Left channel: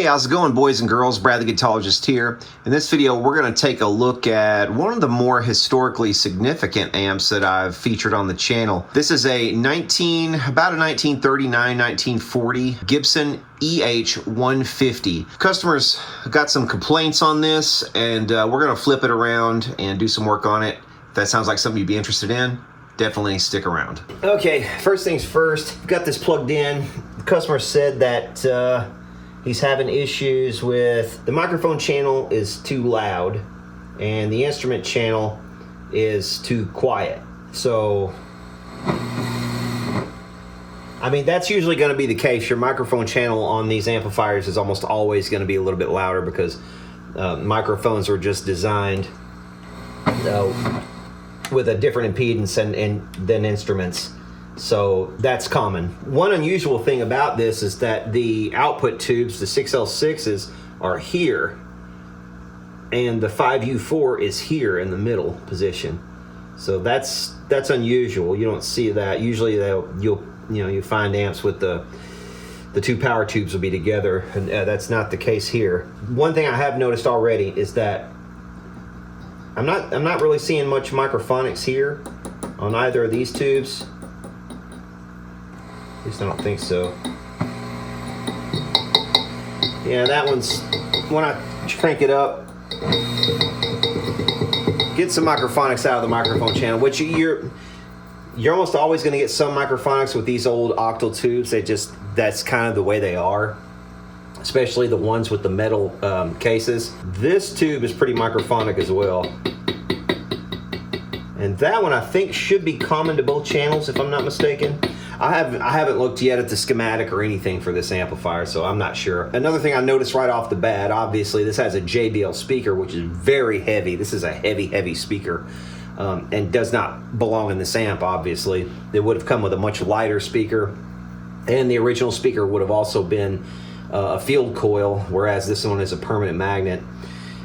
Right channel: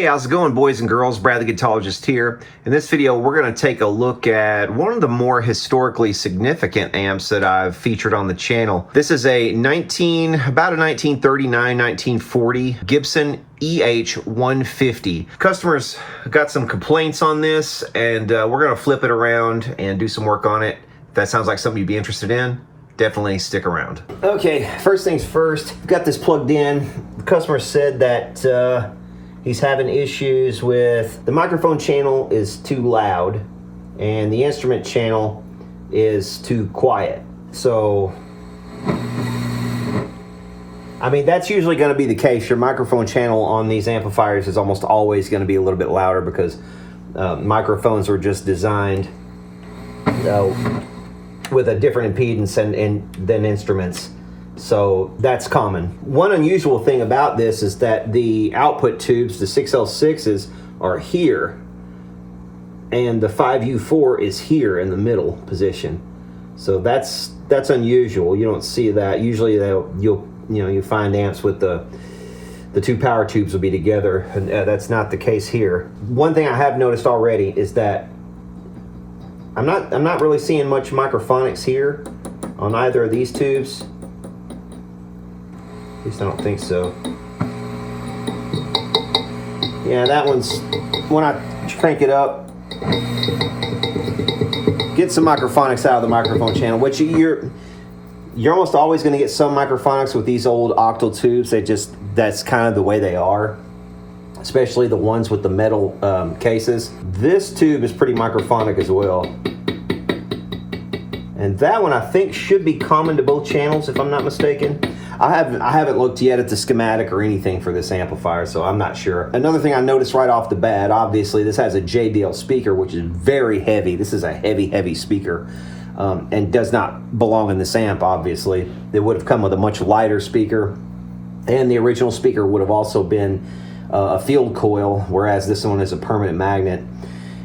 Hey, how's it going, boys and girls? Brad the Guitologist here. In this video, we're going to take a look at one of the more historically significant amps that I've featured on the channel. This is a about a 1939, 1940 Gibson EH-150. Customers got some complaints on this, and we're going to flip it around and do some work on it. If that sounds like something you'd be interested in, definitely stick around. Okay, first things first, got this plugged in. The customer said that he's having issues with the microphone channel is too loud and the instrument channel is too quiet. So, I mean, that's usually going to be the case. Your microphone channel on these amplifiers is almost always going to be a little bit louder because microphones are just designed with a different impedance than instruments. So that's common. One unusual thing about this is that the output tubes, the 6L6s, are here, and the 5U4 is here in the middle position. So that's unusual. You don't see that. Usually you find amps with the two power tubes will be together, and that's not the case here. One thing I have noticed already is that I'm not really seeing much microphonics here on either of these tubes. At least I don't think so. Yeah, that one's, when I crank it up, get some microphonics out of the microphone channel, which you're almost always going to get some microphonics with these old octal tubes. That's kind of the way they are, especially the ones with the metal cases. This tube is pretty microphonic as well. And that one I think should be common to both channels, if I'm not mistaken. I haven't looked yet at the schematic or anything for this amplifier, so I'm not sure. Another thing I noticed right off the bat, obviously this has a JBL speaker, which is very heavy. This is a heavy speaker and does not belong in this amp, obviously. It would have come with a much lighter speaker, and the original speaker would have also been a field coil, whereas this one is a permanent magnet.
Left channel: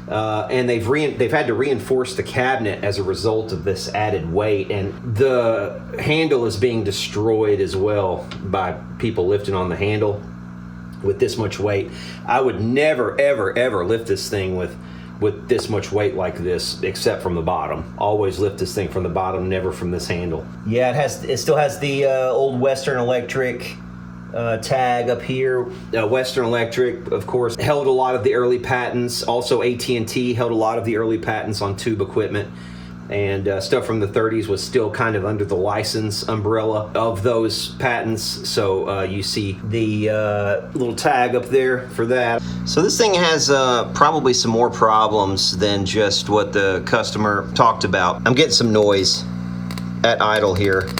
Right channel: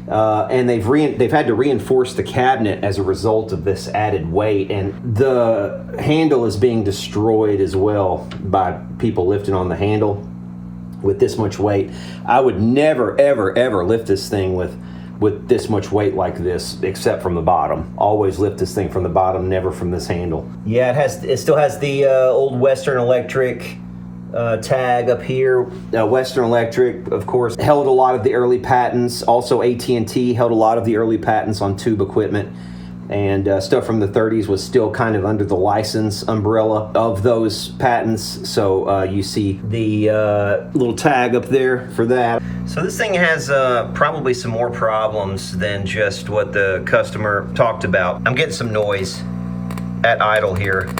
And they've had to reinforce the cabinet as a result of this added weight, and the handle is being destroyed as well by people lifting on the handle with this much weight. I would never ever lift this thing with this much weight like this, except from the bottom. Always lift this thing from the bottom, never from this handle. Yeah, it still has the old Western Electric tag up here. Western Electric, of course, held a lot of the early patents. Also, AT&T held a lot of the early patents on tube equipment, and stuff from the 30s was still kind of under the license umbrella of those patents. So you see the little tag up there for that. So this thing has probably some more problems than just what the customer talked about. I'm getting some noise at idle here.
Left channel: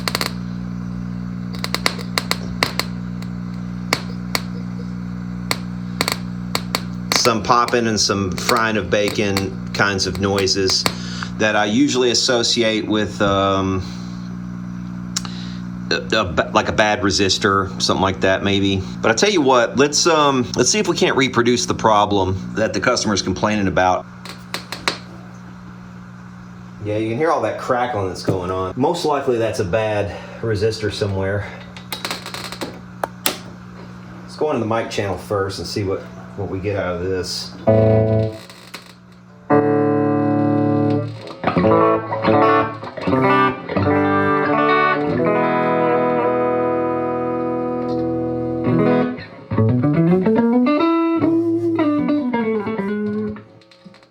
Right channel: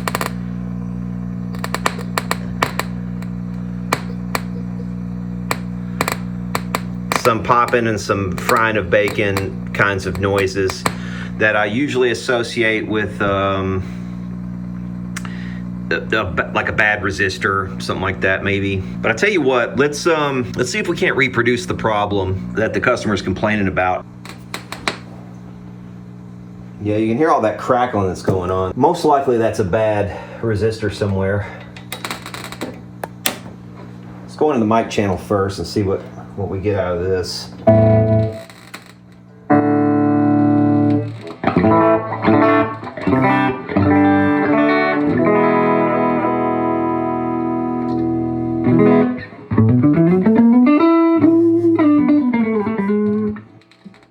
Some popping and some frying of bacon kinds of noises that I usually associate with like a bad resistor, something like that maybe. But I tell you what, let's see if we can't reproduce the problem that the customer is complaining about. Yeah, you can hear all that crackling that's going on. Most likely that's a bad resistor somewhere. Let's go into the mic channel first and see what we get out of this.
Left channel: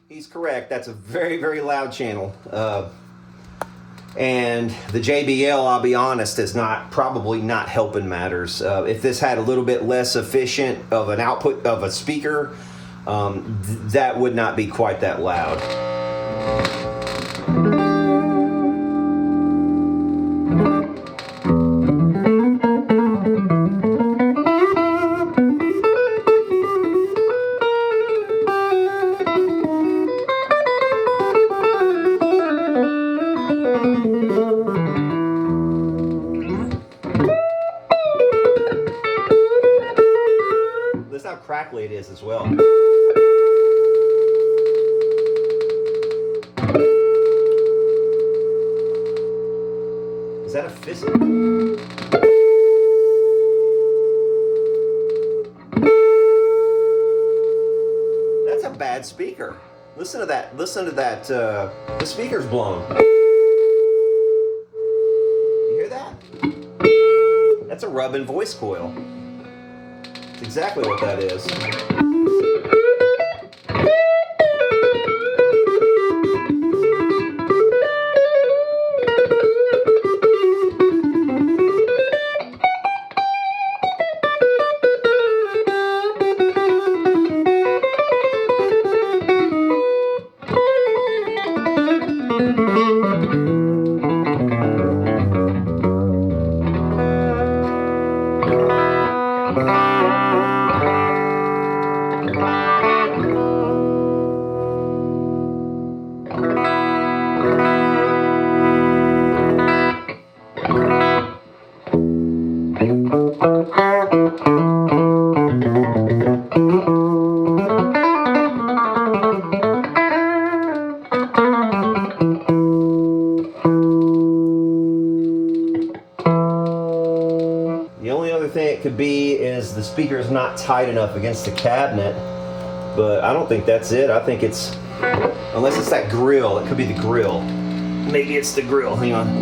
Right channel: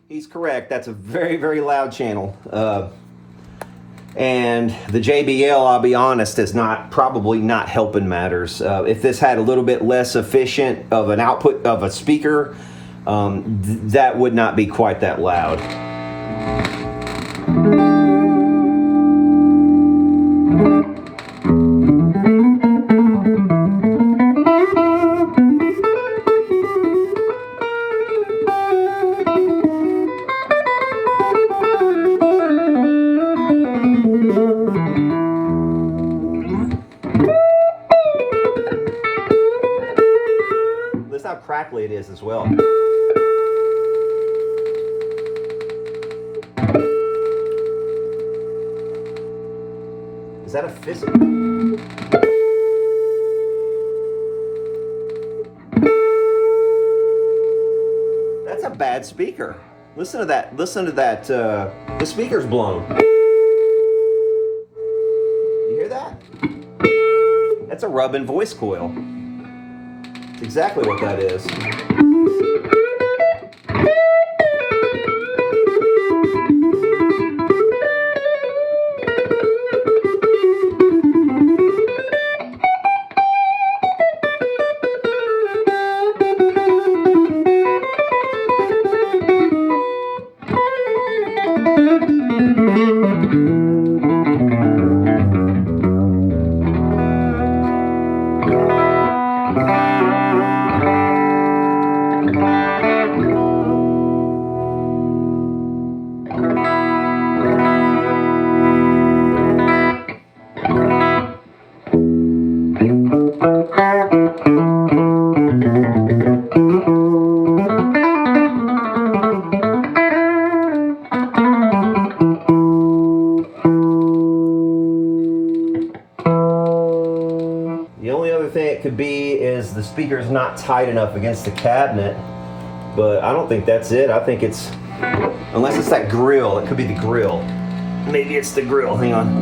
He's correct, that's a very loud channel. And the JBL, I'll be honest, is probably not helping matters. If this had a little bit less efficient of an output of a speaker, that would not be quite that loud. That's how crackly it is as well. Is that a fist? bad speaker. Listen to that. Listen to that. The speaker's blown. You hear that? That's a rubbing voice coil. That's exactly what that is. The only other thing it could be is the speaker is not tight enough against the cabinet, but I don't think that's it. I think it's, unless it's that grill, it could be the grill. Maybe it's the grill, hang on.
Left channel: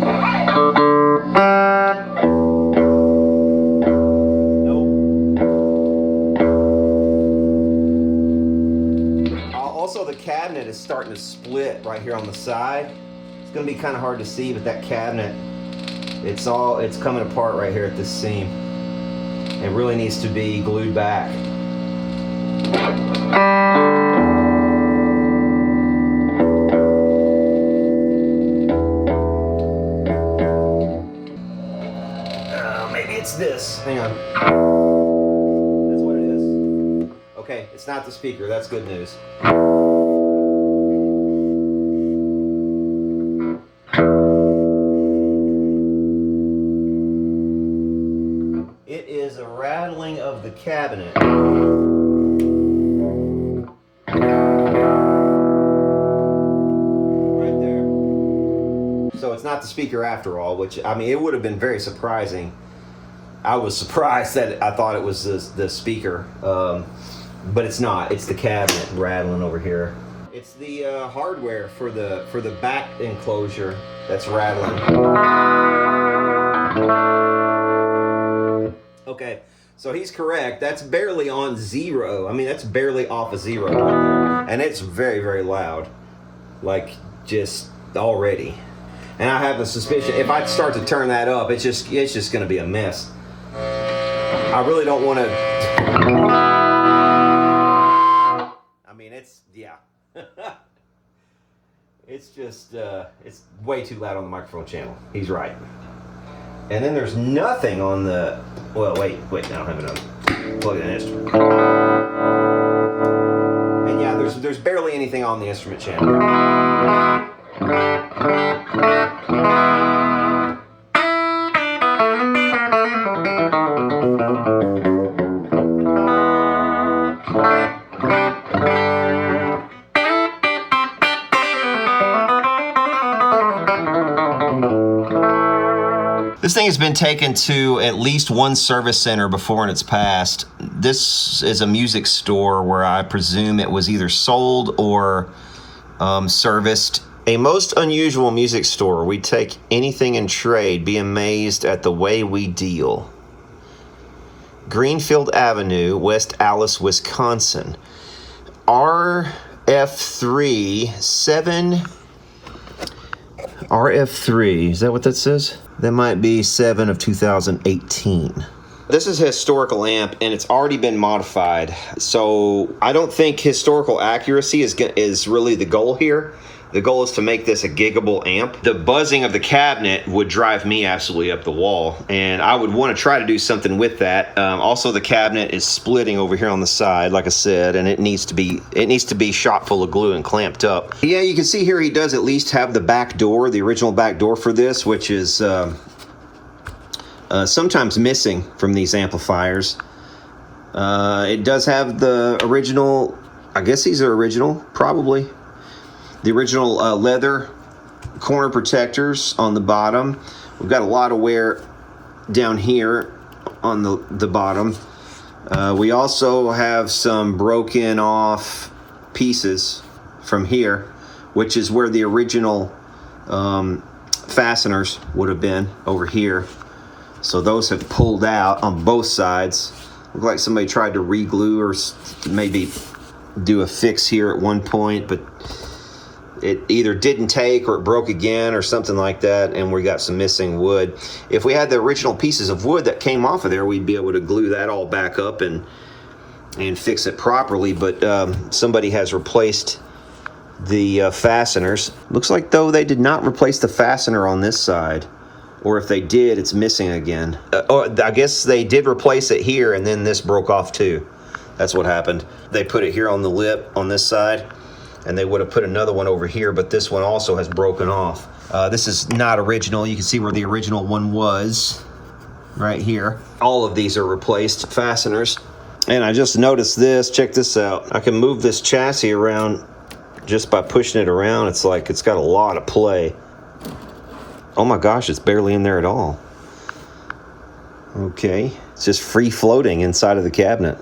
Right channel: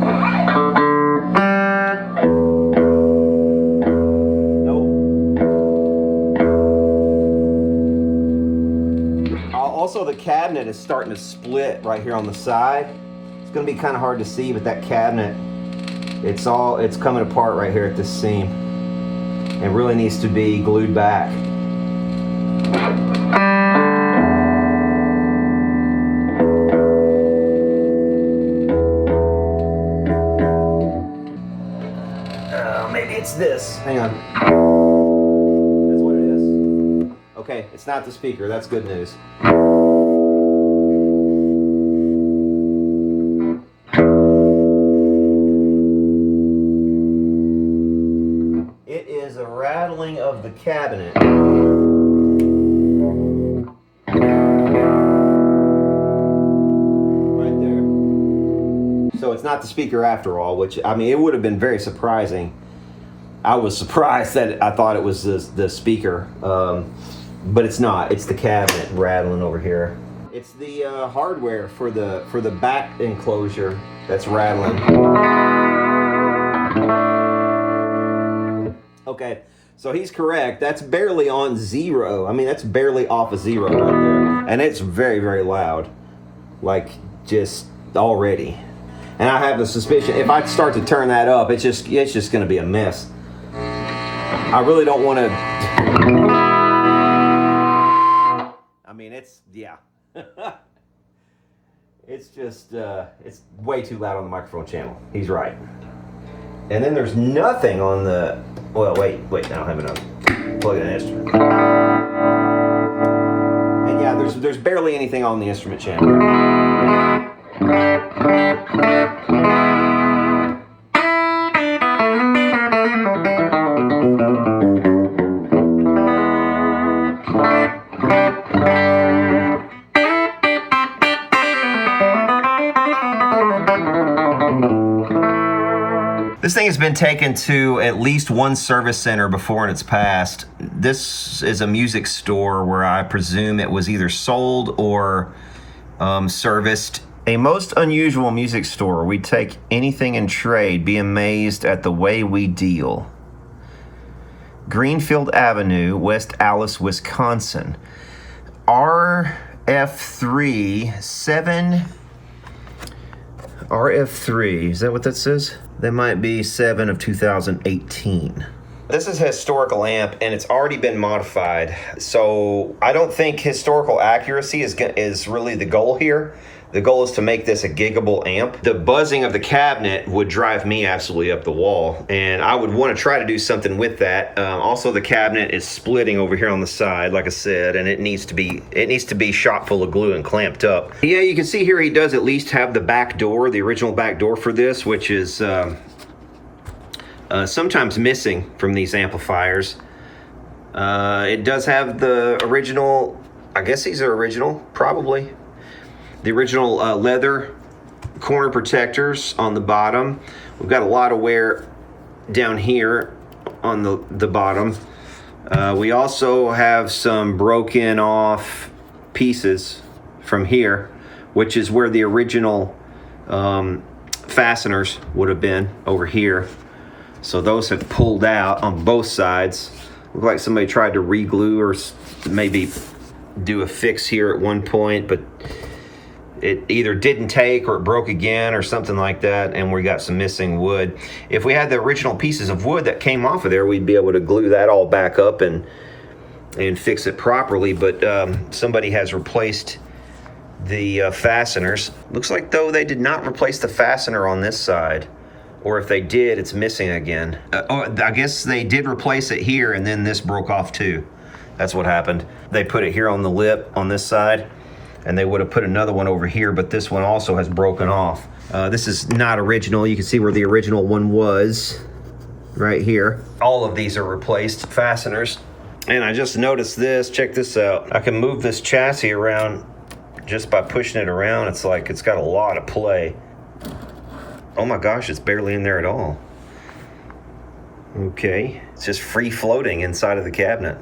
Nope. Also, the cabinet is starting to split right here on the side. It's gonna be kind of hard to see, but that cabinet, it's coming apart right here at this seam. It really needs to be glued back. Maybe it's this. Hang on. That's what it is. Okay, it's not the speaker. That's good news. Rattling of the cabinet. Right there. So it's not the speaker after all, which, I mean, it would have been very surprising. I was surprised that I thought it was the speaker, but it's not. It's the cabinet rattling over here. It's the hardware for the back enclosure that's rattling. Okay, so he's correct. That's barely on zero. I mean, that's barely off of zero right there. And it's very, very loud. Like, just already. And I have a suspicion, if I start to turn that up, it's just going to be a mess. I really don't want to... I mean, it's, yeah. It's just, it's way too loud on the microphone channel. He's right. And then there's nothing on the... Well, wait, I don't have enough. Plug in an instrument. And yeah, there's barely anything on the instrument channel. This thing has been taken to at least one service center before in its past. This is a music store where I presume it was either sold or serviced. A most unusual music store. We take anything in trade. Be amazed at the way we deal. Greenfield Avenue, West Allis, Wisconsin. RF3, is that what that says? That might be 7 of 2018. This is a historical amp, and it's already been modified. So I don't think historical accuracy is really the goal here. The goal is to make this a giggable amp. The buzzing of the cabinet would drive me absolutely up the wall, and I would want to try to do something with that. Also, the cabinet is splitting over here on the side, like I said, and it needs to be shot full of glue and clamped up. Yeah, you can see here he does at least have the back door, the original back door for this, which is sometimes missing from these amplifiers. It does have the original, I guess these are original, probably. The original leather corner protectors on the bottom. We've got a lot of wear down here on the bottom. We also have some broken off pieces from here, which is where the original fasteners would have been over here. So those have pulled out on both sides. Look like somebody tried to re-glue or maybe do a fix here at one point, but it either didn't take or it broke again or something like that, and we got some missing wood. If we had the original pieces of wood that came off of there, we'd be able to glue that all back up and fix it properly, but somebody has replaced the fasteners. Looks like though they did not replace the fastener on this side, or if they did, it's missing again. I guess they did replace it here, and then this broke off too. That's what happened. They put it here on the lip on this side, and they would have put another one over here, but this one also has broken off. This is not original. You can see where the original one was, right here. All of these are replaced fasteners. And I just noticed this, check this out. I can move this chassis around just by pushing it around. It's like it's got a lot of play. Oh my gosh, it's barely in there at all. Okay, it's just free floating inside of the cabinet.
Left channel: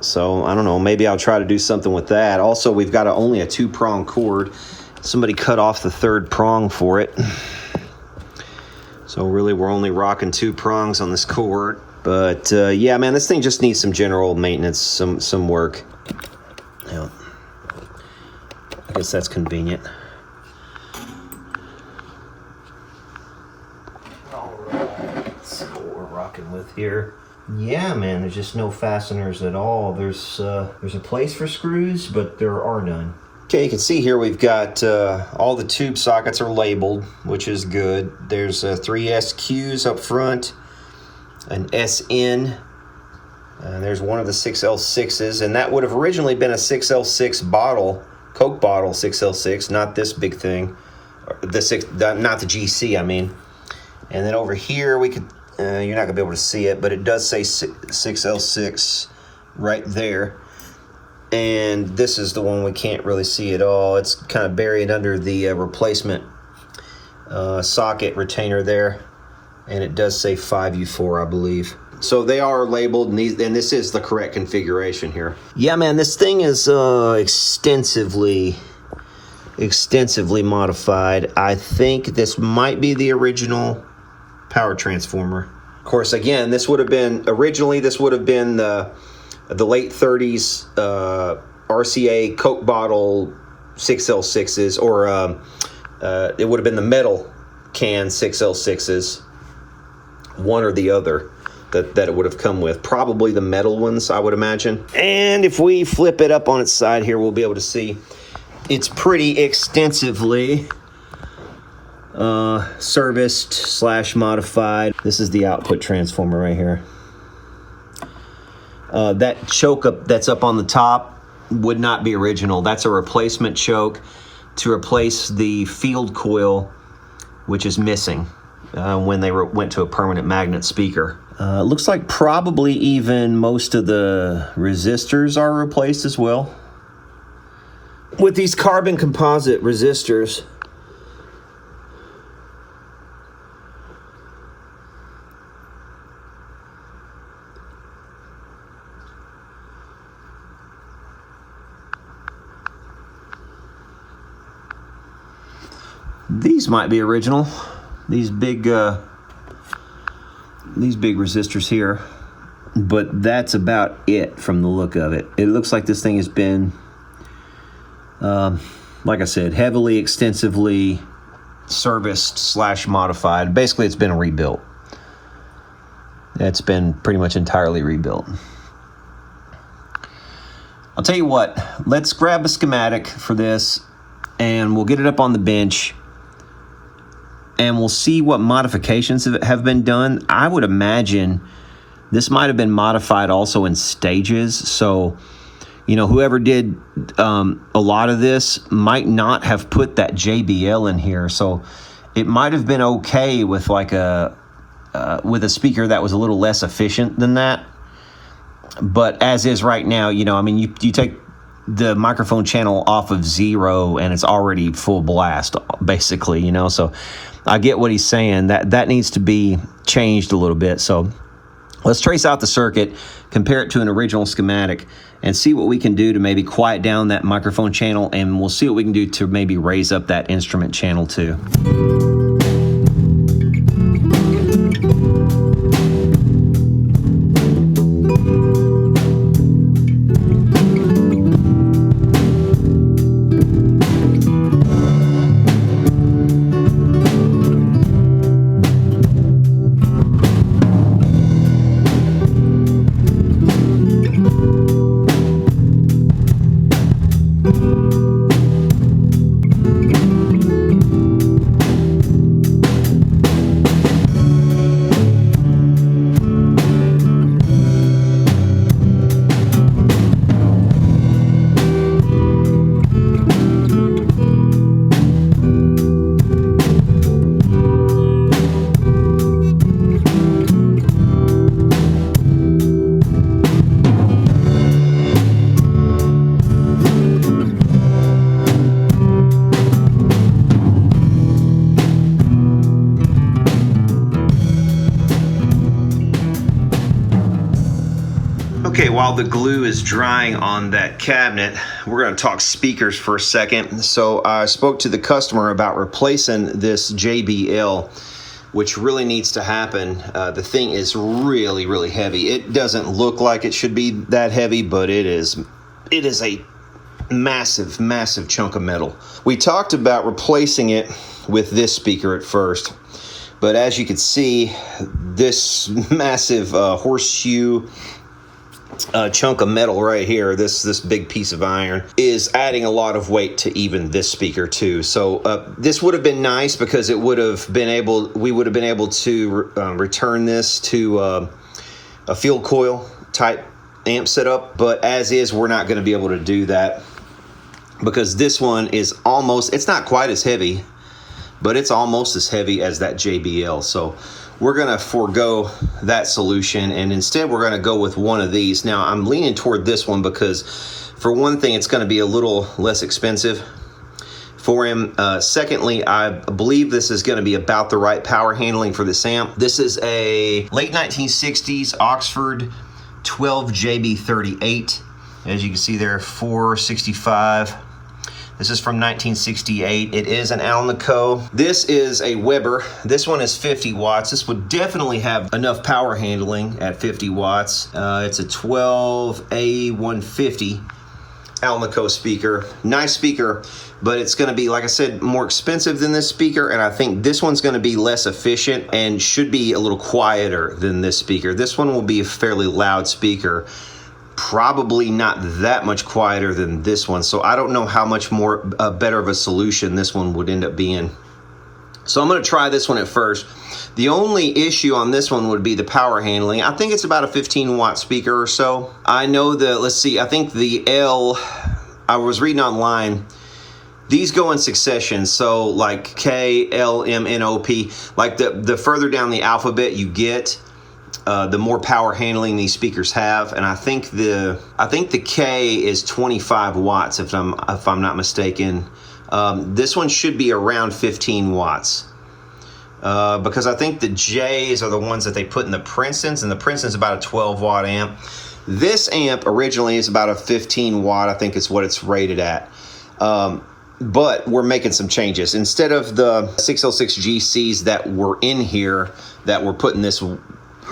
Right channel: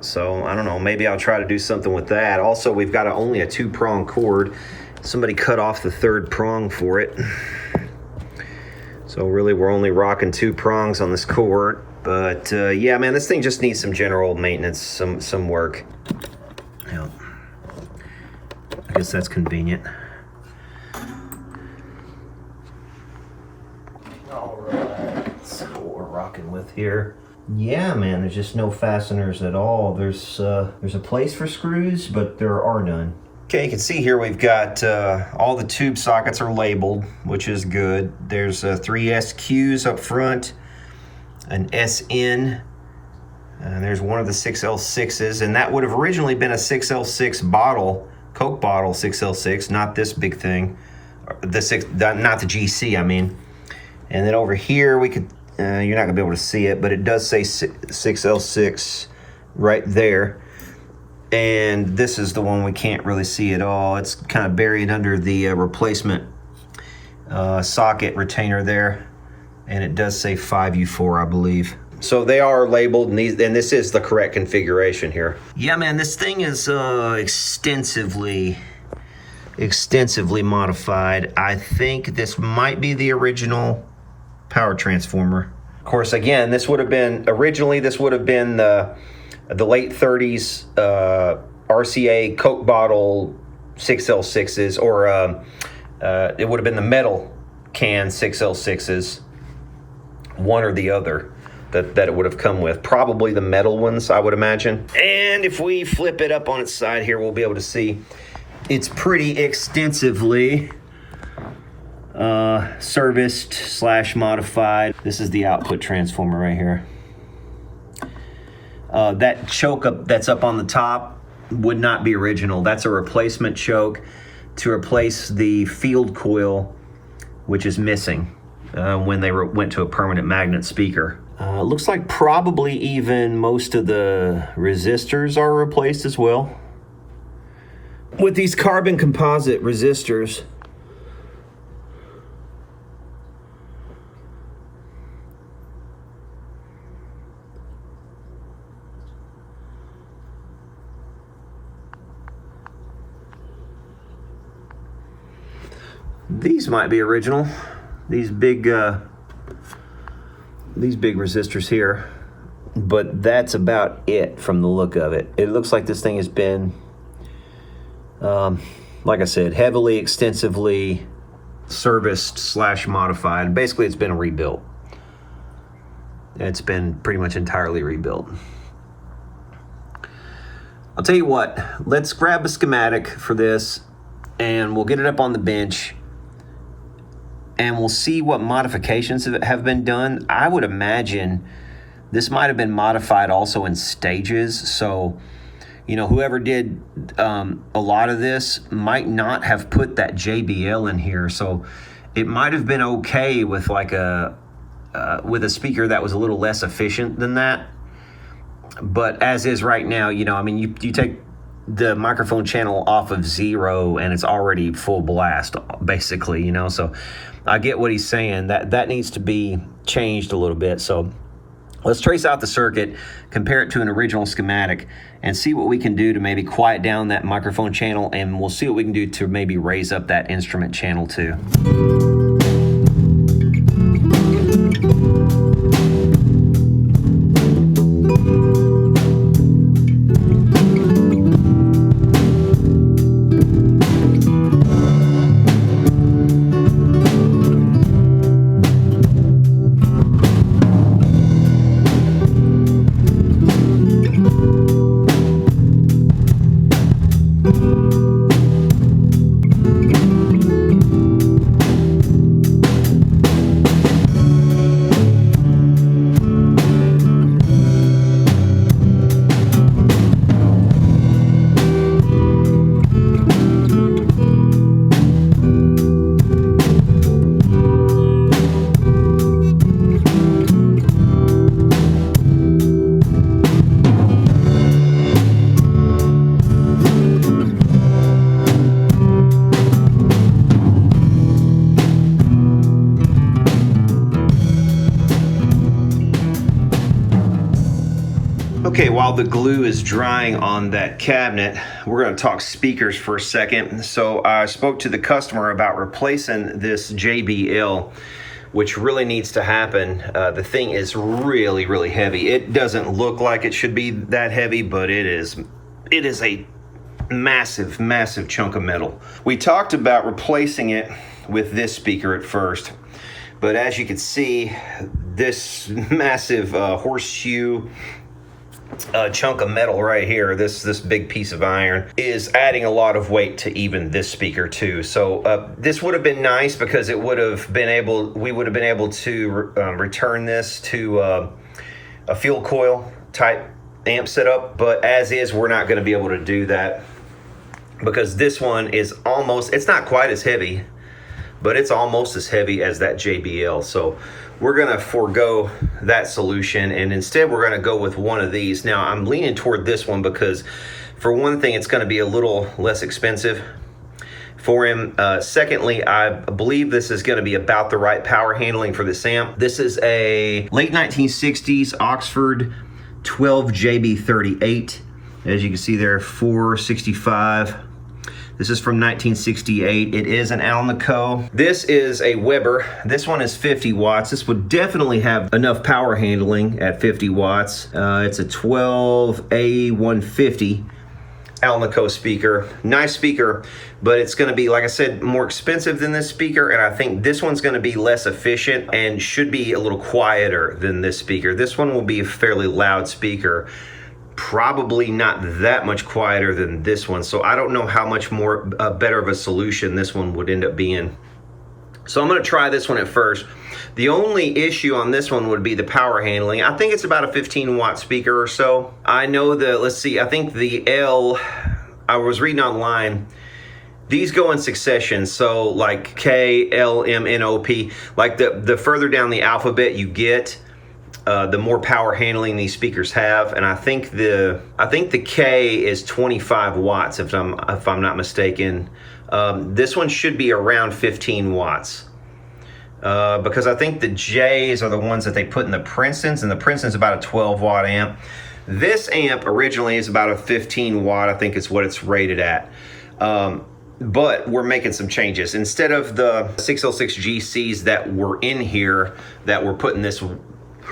So I don't know, maybe I'll try to do something with that. Also, we've got only a 2-prong cord. Somebody cut off the 3rd prong for it. So really we're only rocking 2 prongs on this cord. But yeah, man, this thing just needs some general maintenance, some work. Yeah. I guess that's convenient. Rocking with here. Yeah, man, there's just no fasteners at all. There's a place for screws, but there are none. Okay, you can see here we've got all the tube sockets are labeled, which is good. There's 3 SQs up front, an SN, and there's one of the 6L6s, and that would have originally been a 6L6 bottle, Coke bottle 6L6, not this big thing, not the GC, I mean. And then over here we could, you're not gonna be able to see it, but it does say 6L6 right there. And this is the one we can't really see at all. It's kind of buried under the replacement socket retainer there. And it does say 5U4, I believe. So they are labeled, and this is the correct configuration here. Yeah, man, this thing is extensively modified. I think this might be the original power transformer. Of course, again, this would have been the late 30s RCA Coke bottle 6L6s, or it would have been the metal can 6L6s, one or the other that it would have come with. Probably the metal ones, I would imagine. And if we flip it up on its side here, we'll be able to see it's pretty extensively serviced / modified. This is the output transformer right here. That choke up that's up on the top would not be original. That's a replacement choke to replace the field coil, which is missing when they went to a permanent magnet speaker. Looks like probably even most of the resistors are replaced as well. With these carbon composite resistors, these might be original. These big resistors here, but that's about it from the look of it. It looks like this thing has been, like I said, heavily, extensively serviced / modified. Basically, it's been rebuilt. It's been pretty much entirely rebuilt. I'll tell you what, let's grab a schematic for this, and we'll get it up on the bench, and we'll see what modifications have been done. I would imagine this might have been modified also in stages. So, you know, whoever did a lot of this might not have put that JBL in here. So it might have been okay with like with a speaker that was a little less efficient than that. But as is right now, you know, I mean, you take the microphone channel off of 0 and it's already full blast, basically, you know. So I get what he's saying. That needs to be changed a little bit. So Let's trace out the circuit, compare it to an original schematic, and see what we can do to maybe quiet down that microphone channel, and we'll see what we can do to maybe raise up that instrument channel too. Okay, while the glue is drying on that cabinet, we're going to talk speakers for a second. So I spoke to the customer about replacing this JBL, which really needs to happen. The thing is really, really heavy. It doesn't look like it should be that heavy, but it is a massive, massive chunk of metal. We talked about replacing it with this speaker at first, but as you can see, this massive horseshoe chunk of metal right here, this big piece of iron, is adding a lot of weight to even this speaker too. So this would have been nice because we would have been able to return this to a field coil type amp setup, but as is, we're not going to be able to do that because this one is almost, it's not quite as heavy, but it's almost as heavy as that JBL. So we're going to forego that solution, and instead we're going to go with one of these. Now I'm leaning toward this one because for one thing, it's going to be a little less expensive for him. Secondly, I believe this is going to be about the right power handling for this amp. This is a late 1960s Oxford 12JB38. As you can see there, 465. This is from 1968. It is an Alnico. This is a Weber. This one is 50 watts. This would definitely have enough power handling at 50 watts. It's a 12A150 Alnico speaker. Nice speaker, but it's gonna be, like I said, more expensive than this speaker, and I think this one's gonna be less efficient and should be a little quieter than this speaker. This one will be a fairly loud speaker. Probably not that much quieter than this one, so I don't know how much more better of a solution this one would end up being. So I'm going to try this one at first. The only issue on this one would be the power handling. I think it's about a 15 watt speaker or so. I know that, let's see, I think the L, I was reading online, these go in succession, so like K, L, M, N, O, P, like the further down the alphabet you get, the more power handling these speakers have, and I think the K is 25 watts if I'm not mistaken. This one should be around 15 watts because I think the J's are the ones that they put in the Princetons, and the Princeton's about a 12 watt amp. This amp originally is about a 15 watt, I think is what it's rated at. But we're making some changes. Instead of the 606 GCs that were in here that were putting this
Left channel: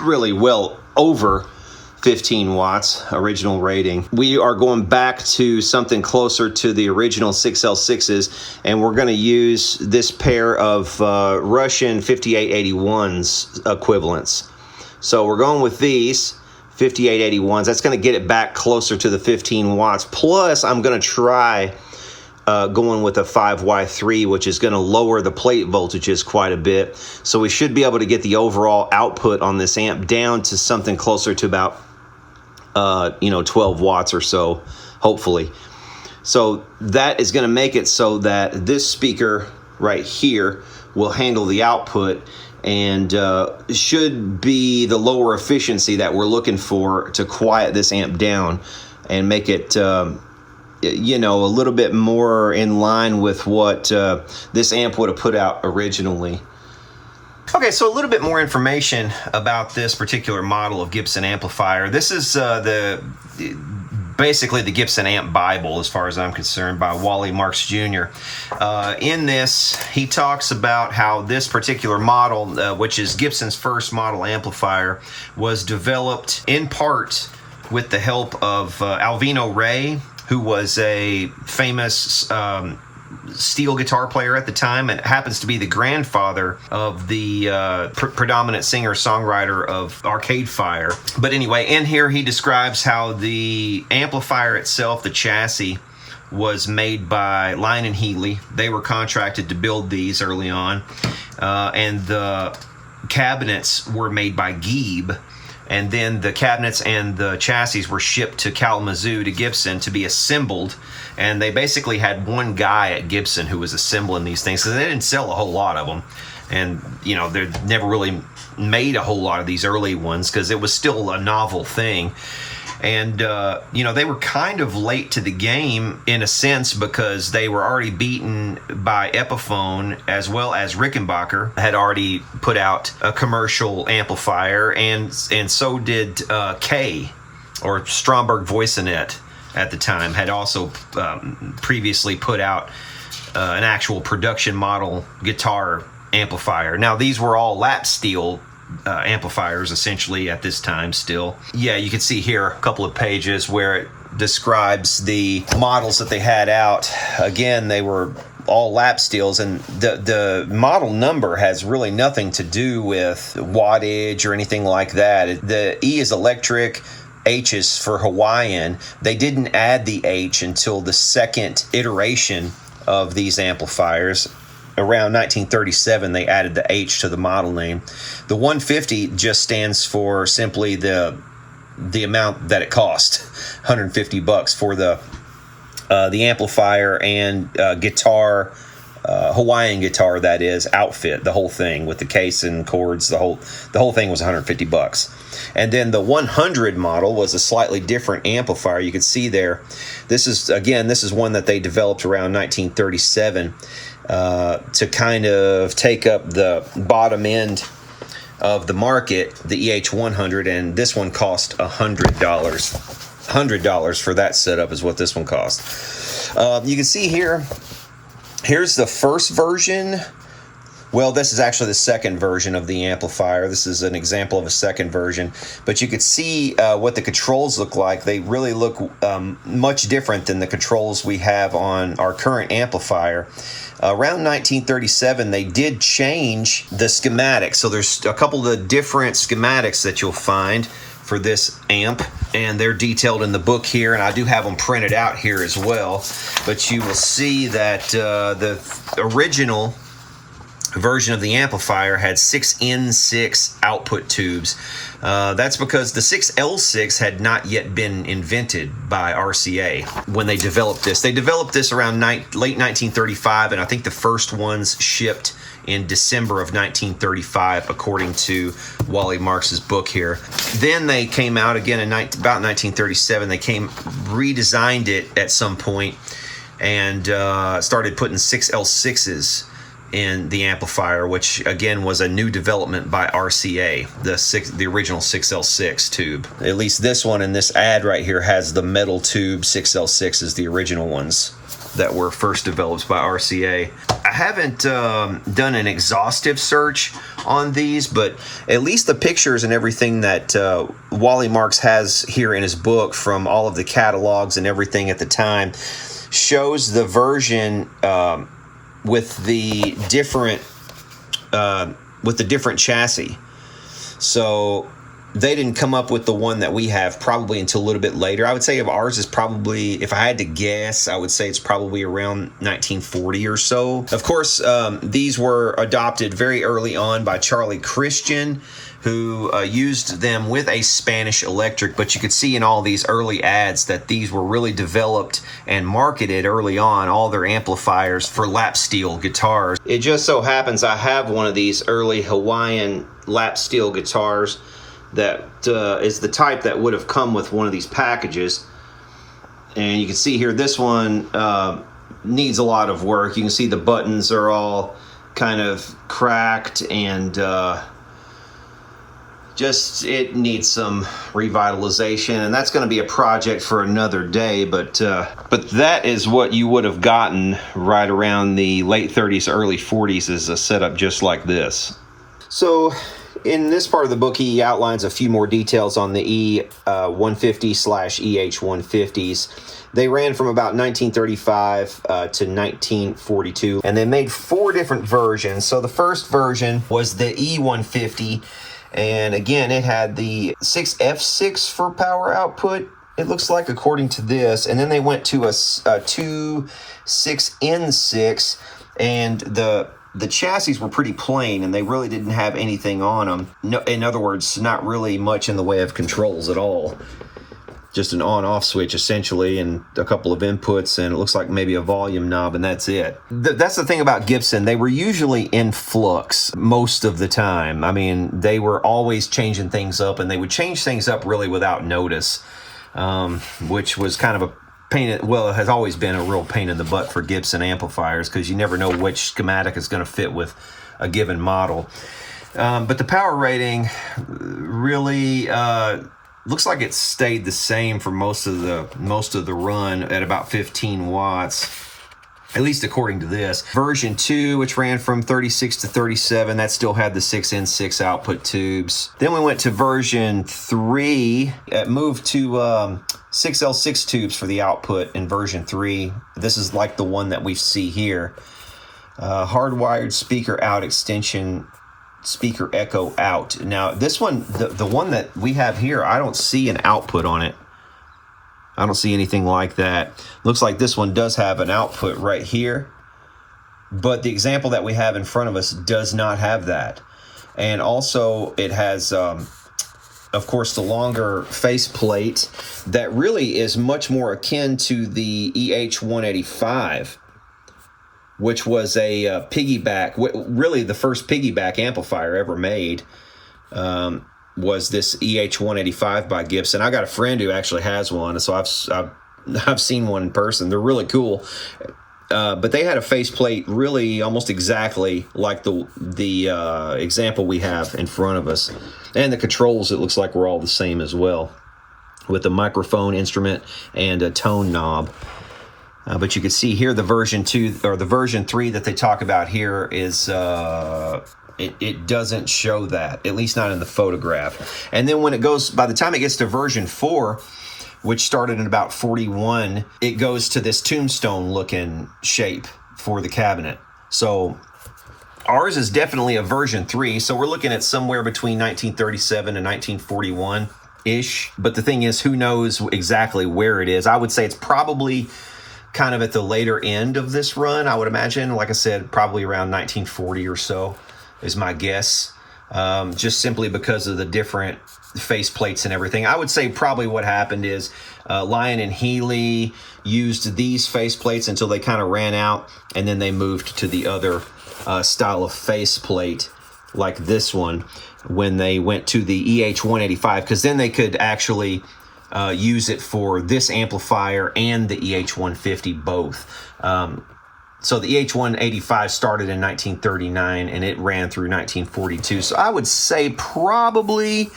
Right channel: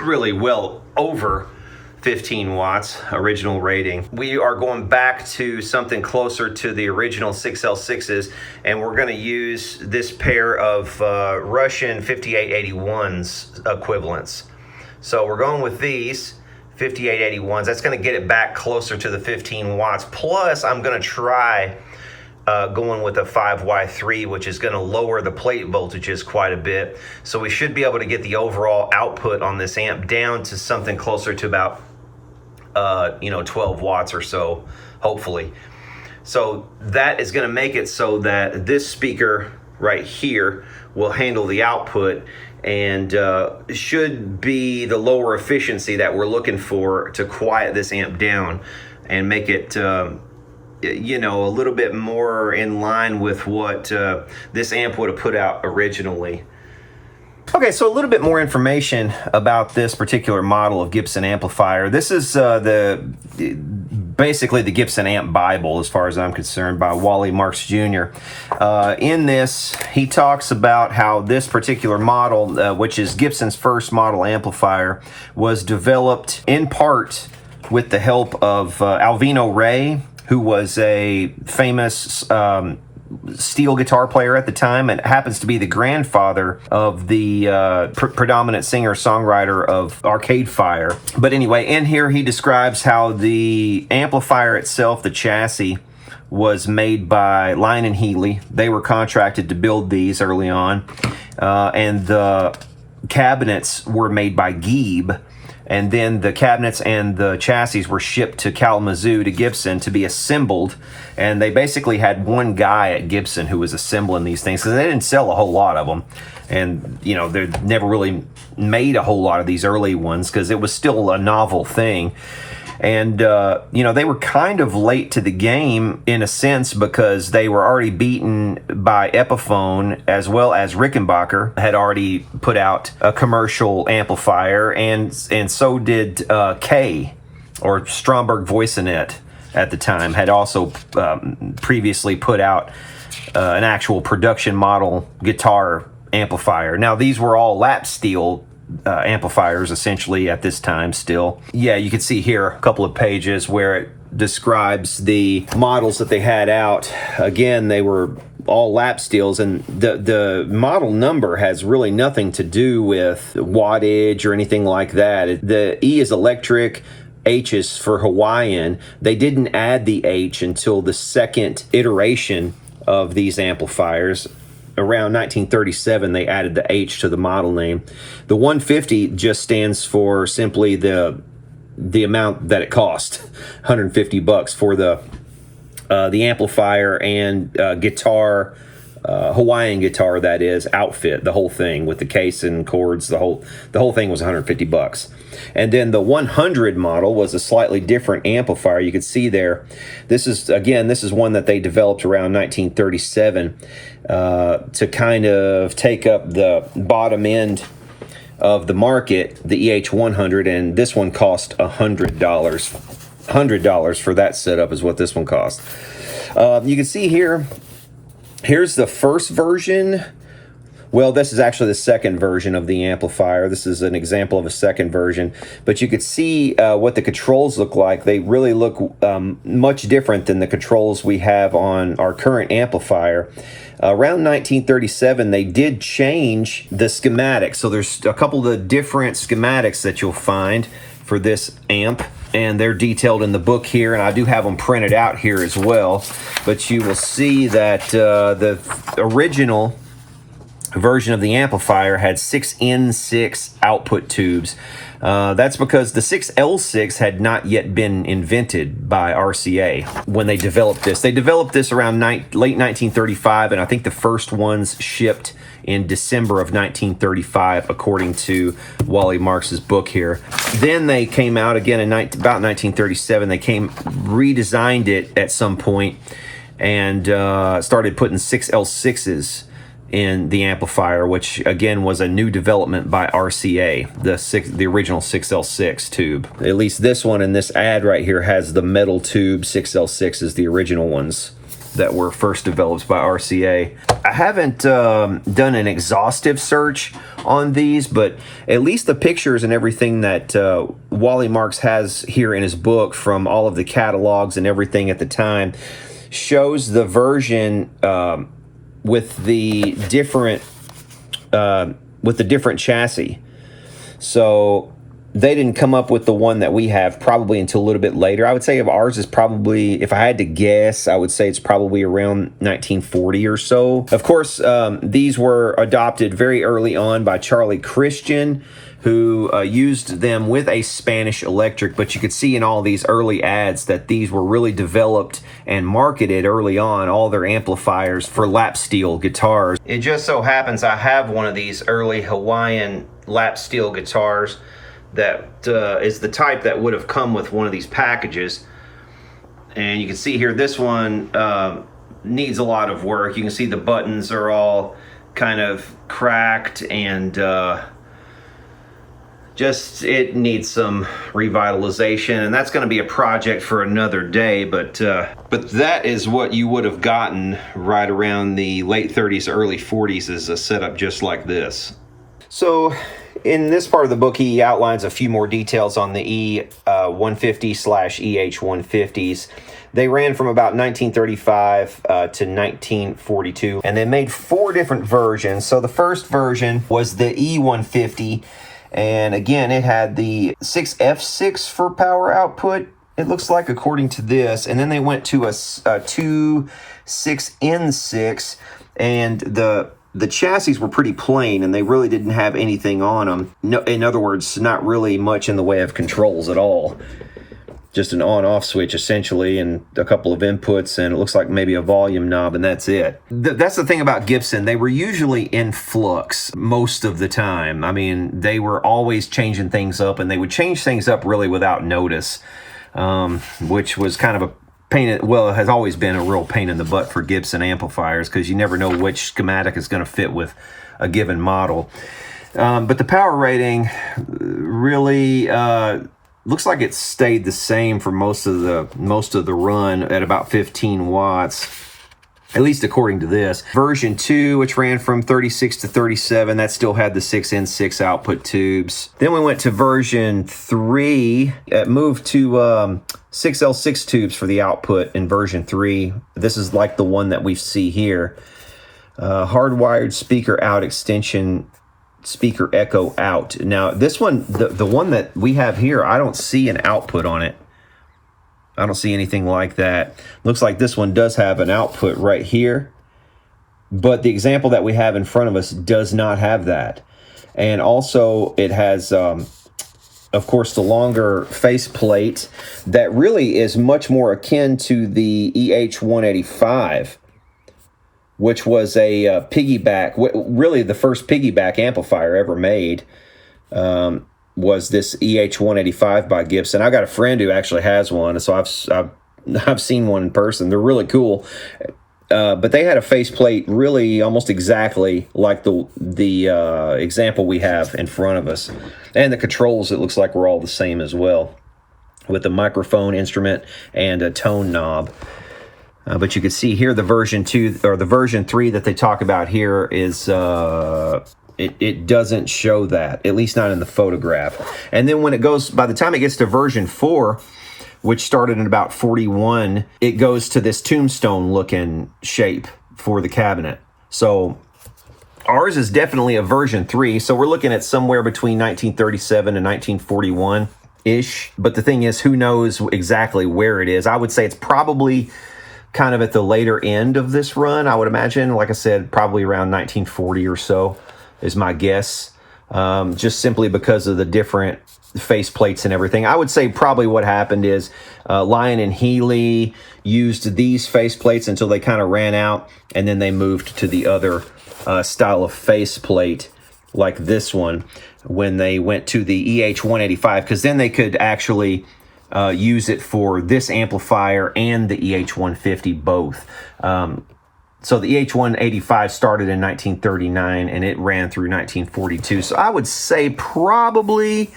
really well over 15 watts original rating, we are going back to something closer to the original 6L6s, and we're going to use this pair of Russian 5881s equivalents. So we're going with these 5881s. That's going to get it back closer to the 15 watts. Plus I'm going to try going with a 5Y3, which is going to lower the plate voltages quite a bit. So we should be able to get the overall output on this amp down to something closer to about 12 watts or so, hopefully. So that is going to make it so that this speaker right here will handle the output and should be the lower efficiency that we're looking for to quiet this amp down and make it a little bit more in line with what this amp would have put out originally. Okay, so a little bit more information about this particular model of Gibson amplifier. This is basically the Gibson Amp Bible, as far as I'm concerned, by Wally Marks Jr. In this, he talks about how this particular model, which is Gibson's first model amplifier, was developed in part with the help of Alvino Ray, who was a famous steel guitar player at the time, and happens to be the grandfather of the predominant singer-songwriter of Arcade Fire. But anyway, in here he describes how the amplifier itself, the chassis, was made by Lyon and Healy. They were contracted to build these early on, and the cabinets were made by Gieb. And then the cabinets and the chassis were shipped to Kalamazoo to Gibson to be assembled. And they basically had one guy at Gibson who was assembling these things, because they didn't sell a whole lot of them. And, you know, they never really made a whole lot of these early ones because it was still a novel thing. And, you know, they were kind of late to the game in a sense, because they were already beaten by Epiphone, as well as Rickenbacker had already put out a commercial amplifier, and so did K, or Stromberg Voicenet at the time, had also previously put out an actual production model guitar amplifier. Now, these were all lap steel amplifiers essentially at this time still. Yeah, you can see here a couple of pages where it describes the models that they had out. Again, they were all lap steels, and the model number has really nothing to do with wattage or anything like that. The E is electric, H is for Hawaiian. They didn't add the H until the second iteration of these amplifiers. Around 1937, they added the H to the model name. The 150 just stands for simply the amount that it cost, $150 for the amplifier and guitar, Hawaiian guitar, that is, outfit, the whole thing with the case and cords. The whole thing was $150. And then the 100 model was a slightly different amplifier. You can see there. This is one that they developed around 1937. To kind of take up the bottom end of the market, the EH-100, and this one cost $100. $100 for that setup is what this one cost. You can see here, here's the first version. Well, this is actually the second version of the amplifier. This is an example of a second version, but you could see what the controls look like. They really look much different than the controls we have on our current amplifier. Around 1937, they did change the schematic. So there's a couple of different schematics that you'll find for this amp, and they're detailed in the book here, and I do have them printed out here as well. But you will see that the original version of the amplifier had 6 N6 output tubes. That's because the 6L6 had not yet been invented by RCA when they developed this. They developed this around late 1935, and I think the first ones shipped in December of 1935, according to Wally Marks's book here. Then they came out again in about 1937. They redesigned it at some point and started putting 6L6s in the amplifier, which again was a new development by RCA, the original 6L6 tube. At least this one in this ad right here has the metal tube 6L6s, the original ones that were first developed by RCA. I haven't done an exhaustive search on these, but at least the pictures and everything that Wally Marks has here in his book from all of the catalogs and everything at the time shows the version with the different chassis. So they didn't come up with the one that we have probably until a little bit later. I would say of ours is probably, if I had to guess, I would say it's probably around 1940 or so. Of course, these were adopted very early on by Charlie Christian, who used them with a Spanish electric, but you could see in all these early ads that these were really developed and marketed early on, all their amplifiers for lap steel guitars. It just so happens I have one of these early Hawaiian lap steel guitars that is the type that would have come with one of these packages. And you can see here, this one needs a lot of work. You can see the buttons are all kind of cracked, and just it needs some revitalization, and that's going to be a project for another day. But that is what you would have gotten right around the late 30s, early 40s, is a setup just like this. So in this part of the book, he outlines a few more details on the E150/EH150s. They ran from about 1935 to 1942, and they made 4 different versions. So the first version was the E150, and again, it had the 6F6 for power output, it looks like, according to this. And then they went to a 2.6N6, and the chassis were pretty plain, and they really didn't have anything on them. No, in other words, not really much in the way of controls at all. Just an on-off switch, essentially, and a couple of inputs, and it looks like maybe a volume knob, and that's it. That's the thing about Gibson. They were usually in flux most of the time. I mean, they were always changing things up, and they would change things up really without notice, which was kind of a pain. Well, it has always been a real pain in the butt for Gibson amplifiers, because you never know which schematic is going to fit with a given model. But the power rating really looks like it stayed the same for most of the run at about 15 watts, at least according to this. Version 2, which ran from 36 to 37, that still had the 6N6 output tubes. Then we went to version 3. It moved to 6L6 tubes for the output in version 3. This is like the one that we see here. Hardwired speaker out extension, speaker echo out. Now this one, the one that we have here, I don't see an output on it. I don't see anything like that. Looks like this one does have an output right here, but the example that we have in front of us does not have that. And also it has of course the longer faceplate that really is much more akin to the EH-185, which was a piggyback, really the first piggyback amplifier ever made, was this EH-185 by Gibson. I got a friend who actually has one, so I've seen one in person. They're really cool, but they had a faceplate really almost exactly like the example we have in front of us, and the controls, it looks like, were all the same as well, with the microphone instrument and a tone knob. But you can see here the version 2 or the version 3 that they talk about here is it doesn't show that, at least not in the photograph. And then when it goes, by the time it gets to version 4, which started in about 41, it goes to this tombstone looking shape for the cabinet. So ours is definitely a version 3. So we're looking at somewhere between 1937 and 1941-ish. But the thing is, who knows exactly where it is? I would say it's probably kind of at the later end of this run, I would imagine. Like I said, probably around 1940 or so is my guess, just simply because of the different face plates and everything. I would say probably what happened is Lyon and Healy used these face plates until they kind of ran out, and then they moved to the other style of face plate, like this one, when they went to the EH-185, because then they could actually use it for this amplifier and the EH-150 both. So the EH-185 started in 1939 and it ran through 1942. So I would say probably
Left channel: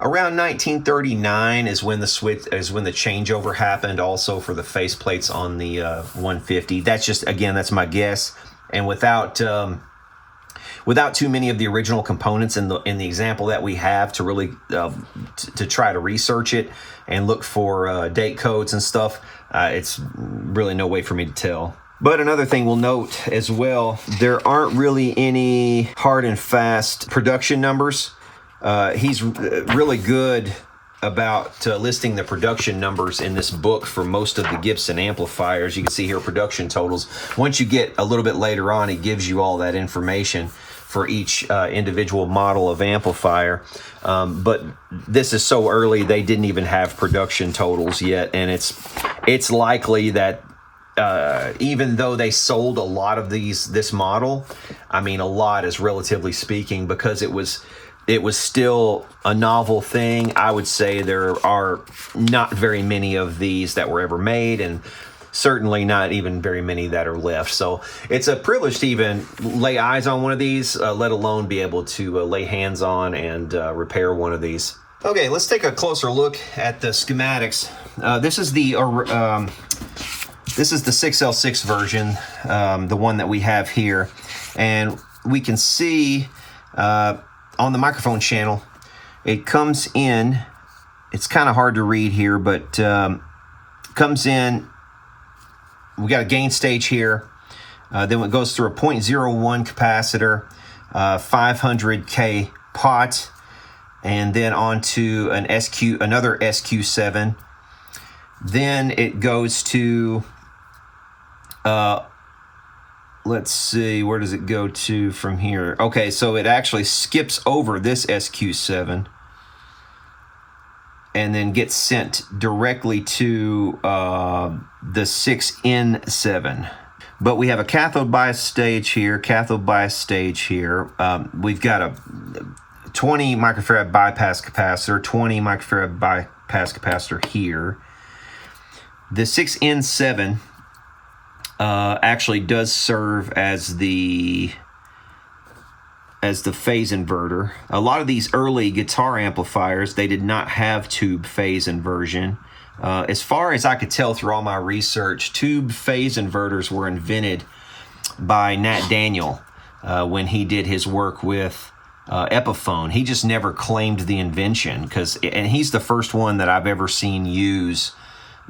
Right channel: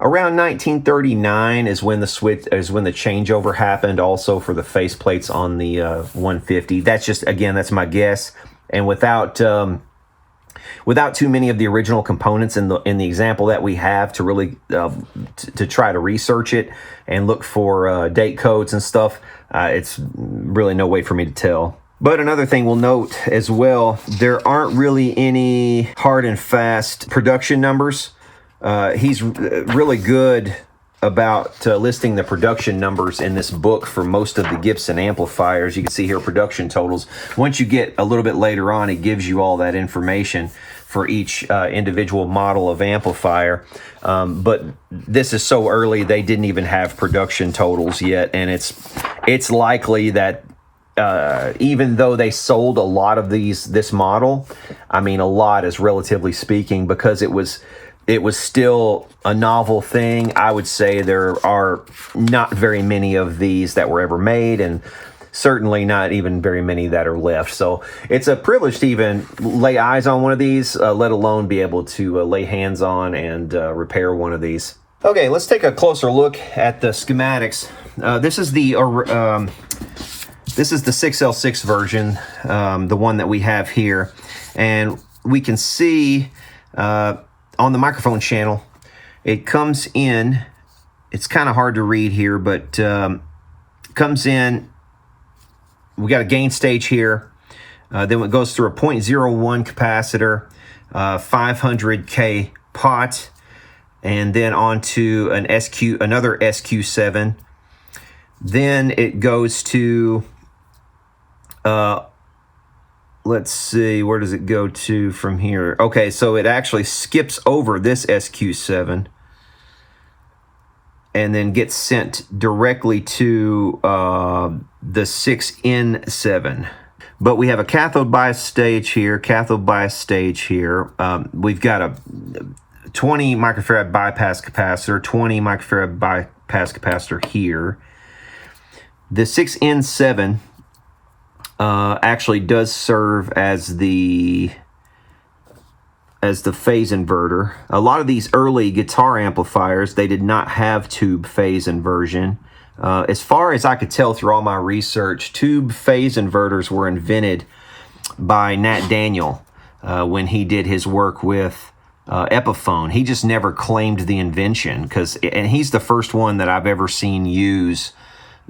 around 1939 is when the changeover happened, also for the faceplates on the 150. That's just, again, that's my guess. And without too many of the original components in the example that we have to really to try to research it and look for date codes and stuff, it's really no way for me to tell. But another thing we'll note as well, there aren't really any hard and fast production numbers. He's really good about listing the production numbers in this book for most of the Gibson amplifiers. You can see here production totals. Once you get a little bit later on, it gives you all that information for each individual model of amplifier. But this is so early, they didn't even have production totals yet, and it's likely that even though they sold a lot of this model, I mean, a lot is relatively speaking, because it was still a novel thing. I would say there are not very many of these that were ever made, and certainly not even very many that are left. So it's a privilege to even lay eyes on one of these, let alone be able to lay hands on and repair one of these. Okay, let's take a closer look at the schematics. This is the 6L6 version, the one that we have here, and we can see on the microphone channel, it comes in. It's kind of hard to read here, but comes in. We got a gain stage here. Then it goes through a 0.01 capacitor, 500K pot, and then onto an another SQ7. Then it goes to, let's see, where does it go to from here? Okay, so it actually skips over this SQ7 and then gets sent directly to the 6N7. But we have a cathode bias stage here, we've got a 20 microfarad bypass capacitor, 20 microfarad bypass capacitor here. The 6N7 actually does serve as the phase inverter. A lot of these early guitar amplifiers, they did not have tube phase inversion. As far as I could tell through all my research, tube phase inverters were invented by Nat Daniel when he did his work with Epiphone. He just never claimed the invention, and he's the first one that I've ever seen use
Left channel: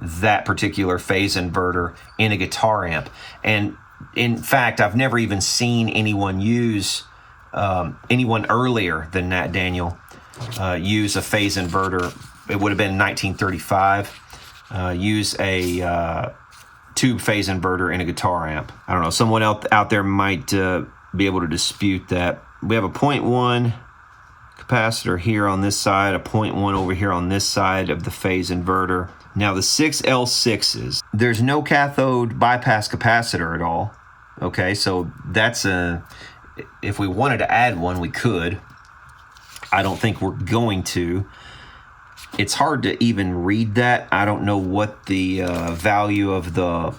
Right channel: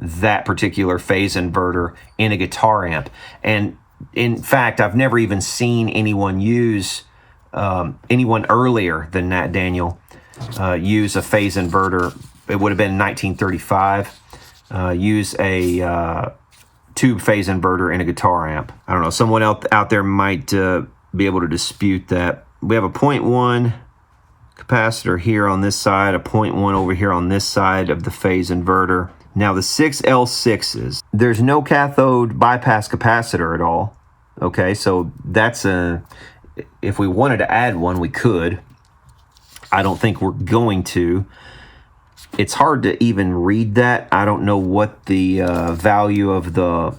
that particular phase inverter in a guitar amp. And in fact, I've never even seen anyone use anyone earlier than Nat Daniel use a phase inverter. It would have been 1935. Use a tube phase inverter in a guitar amp. I don't know. Someone out there might be able to dispute that. We have a 0.1 capacitor here on this side, a 0.1 over here on this side of the phase inverter. Now the 6L6s, there's no cathode bypass capacitor at all. Okay, so that's if we wanted to add one, we could. I don't think we're going to. It's hard to even read that. I don't know what the value of the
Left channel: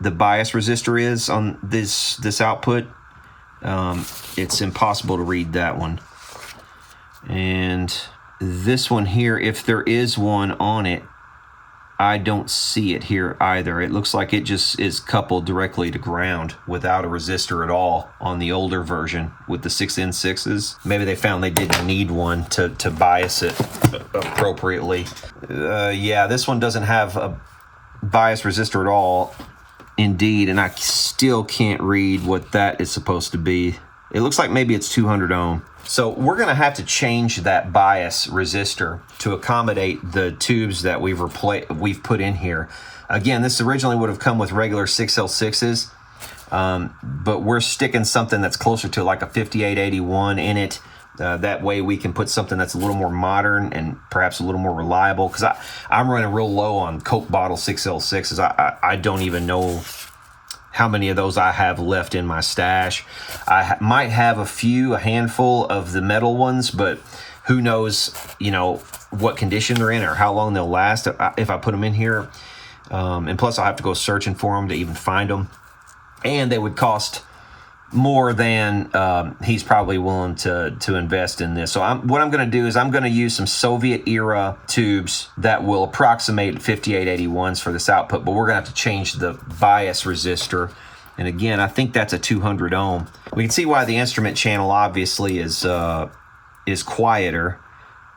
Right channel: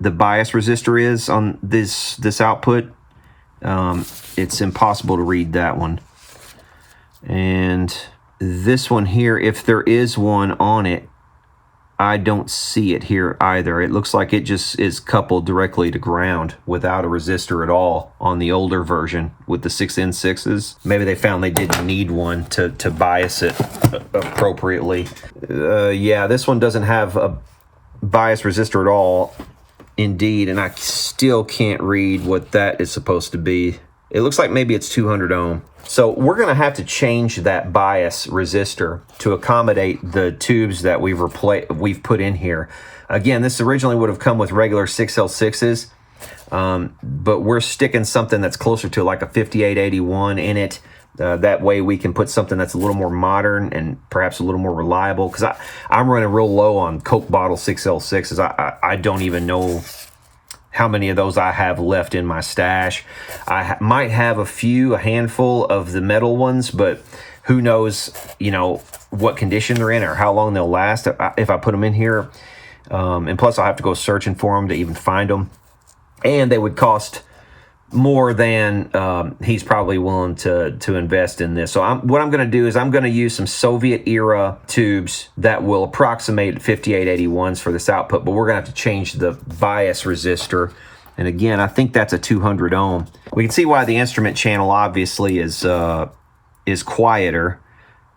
bias resistor is on this output. It's impossible to read that one. And this one here, if there is one on it, I don't see it here either. It looks like it just is coupled directly to ground without a resistor at all on the older version with the 6N6s. Maybe they found they didn't need one to bias it appropriately. Yeah, this one doesn't have a bias resistor at all, indeed, and I still can't read what that is supposed to be. It looks like maybe it's 200 ohm. So we're going to have to change that bias resistor to accommodate the tubes that we've put in here. Again, this originally would have come with regular 6L6s, but we're sticking something that's closer to like a 5881 in it. That way we can put something that's a little more modern and perhaps a little more reliable, because I'm running real low on Coke bottle 6L6s. I don't even know how many of those I have left in my stash. I might have a handful of the metal ones, but who knows, what condition they're in or how long they'll last if I put them in here. And plus I'll have to go searching for them to even find them. And they would cost more than he's probably willing to invest in this. So what I'm going to do is I'm going to use some Soviet era tubes that will approximate 5881s for this output, but we're going to have to change the bias resistor. And again, I think that's a 200 ohm. We can see why the instrument channel obviously is quieter,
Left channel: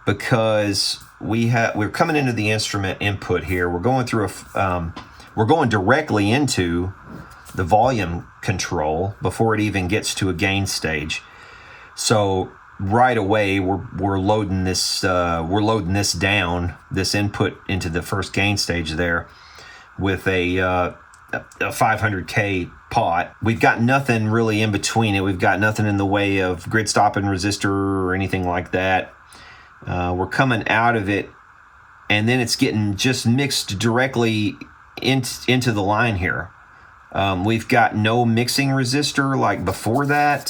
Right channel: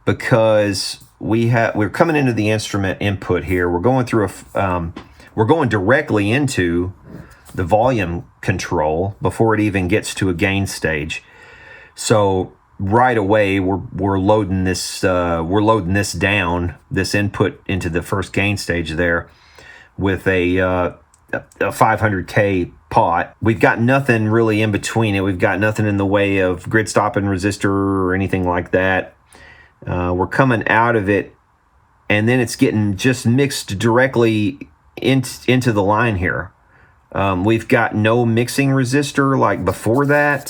because we're coming into the instrument input here. We're going through we're going directly into the volume control before it even gets to a gain stage. So right away we're loading this down, this input into the first gain stage there with a 500K pot. We've got nothing really in between it. We've got nothing in the way of grid stopping resistor or anything like that. We're coming out of it, and then it's getting just mixed directly into the line here. We've got no mixing resistor like before that.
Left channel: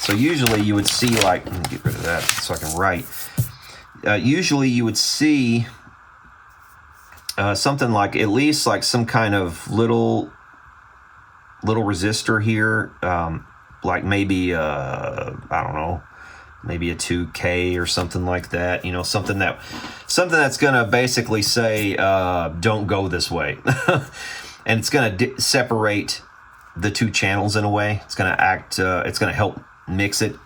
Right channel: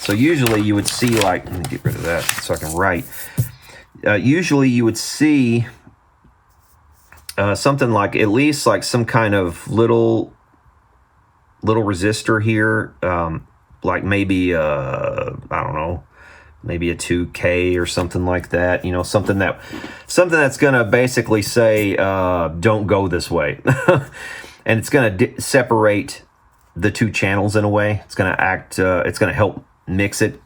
So usually you would see, like, let me get rid of that so I can write. Usually you would see something like, at least like some kind of little resistor here, like maybe I don't know, maybe a 2K or something like that. You know, something that's gonna basically say don't go this way, and it's gonna separate the two channels in a way. It's gonna it's gonna help mix it.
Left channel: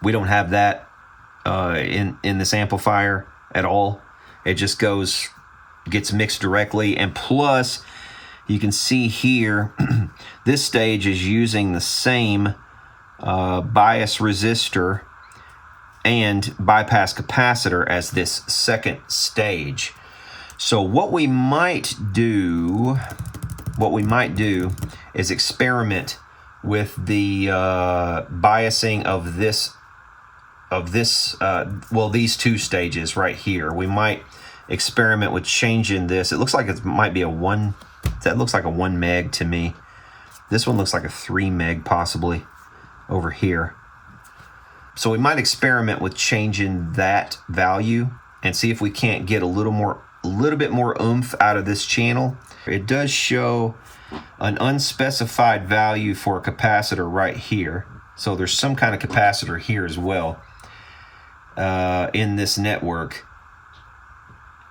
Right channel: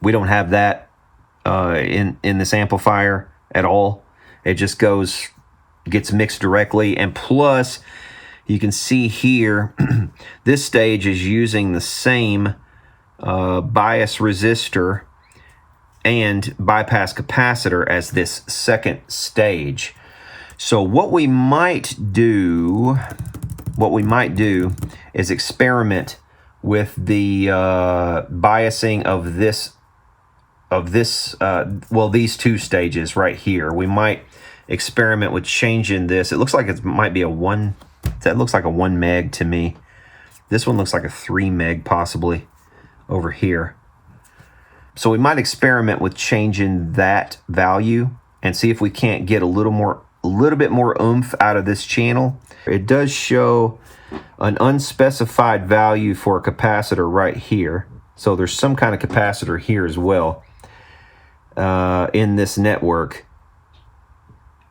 We don't have that in this amplifier at all. It just gets mixed directly, and plus you can see here this stage is using the same bias resistor and bypass capacitor as this second stage. So what we might do is experiment with the biasing of these two stages right here. We might experiment with changing this. It looks like it might be that looks like a 1 meg to me. This one looks like a 3 meg possibly over here. So we might experiment with changing that value and see if we can't get a little bit more oomph out of this channel. It does show an unspecified value for a capacitor right here. So there's some kind of capacitor here as well in this network.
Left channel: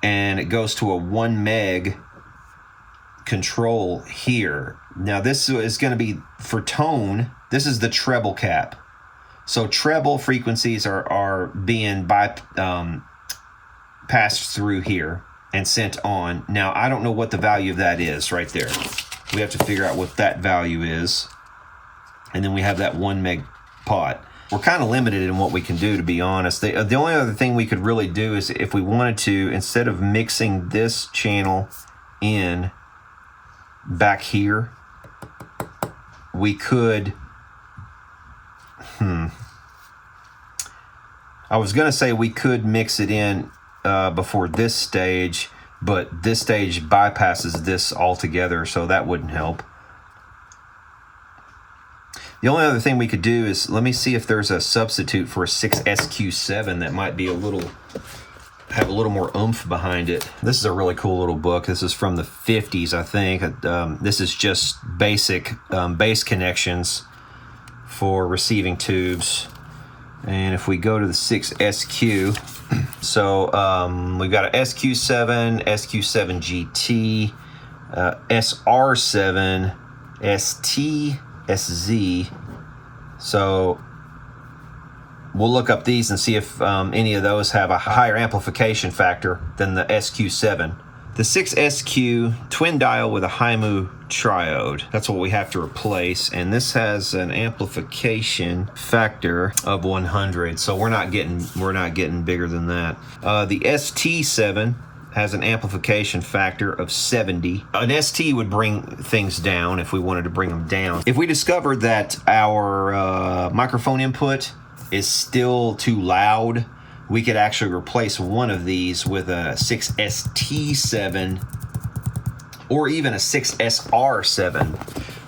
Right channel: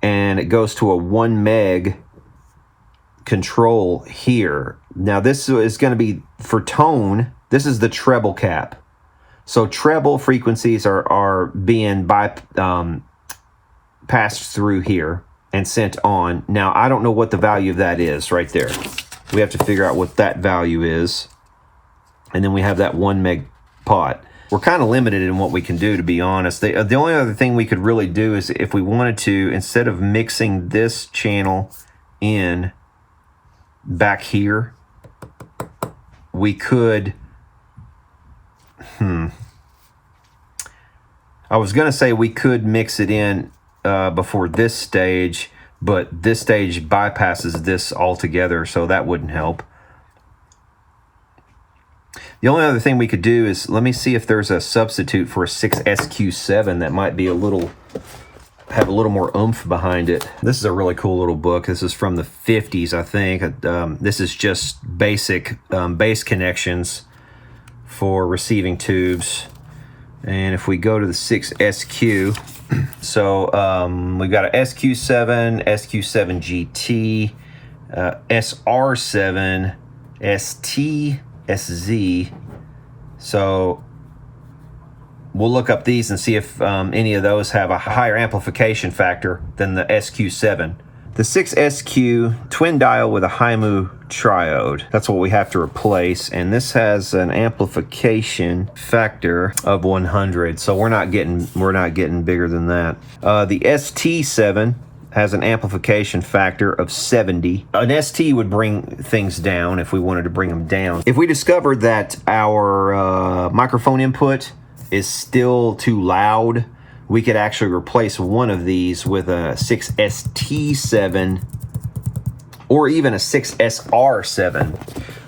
And it goes to a 1 meg control here. Now this is going to be for tone. This is the treble cap. So treble frequencies are being passed through here and sent on. Now I don't know what the value of that is right there. We have to figure out what that value is. And then we have that 1 meg pot. We're kind of limited in what we can do, to be honest. The only other thing we could really do is if we wanted to, instead of mixing this channel in back here, we could, I was going to say we could mix it in before this stage, but this stage bypasses this altogether, so that wouldn't help. The only other thing we could do is, let me see if there's a substitute for a 6SQ7 that might be have a little more oomph behind it. This is a really cool little book. This is from the 50s, I think. This is just basic bass connections for receiving tubes. And if we go to the 6SQ, so we've got a SQ7, SQ7 GT, SR7, ST, SZ. So we'll look up these and see if any of those have a higher amplification factor than the SQ7. The 6SQ twin dial with a HIMU triode. That's what we have to replace, and this has an amplification factor of 100. So we're not getting bigger than that. The ST7 has an amplification factor of 70. An ST would bring things down if we wanted to bring them down. If we discovered that our microphone input is still too loud, we could actually replace one of these with a 6ST7 or even a 6SR7.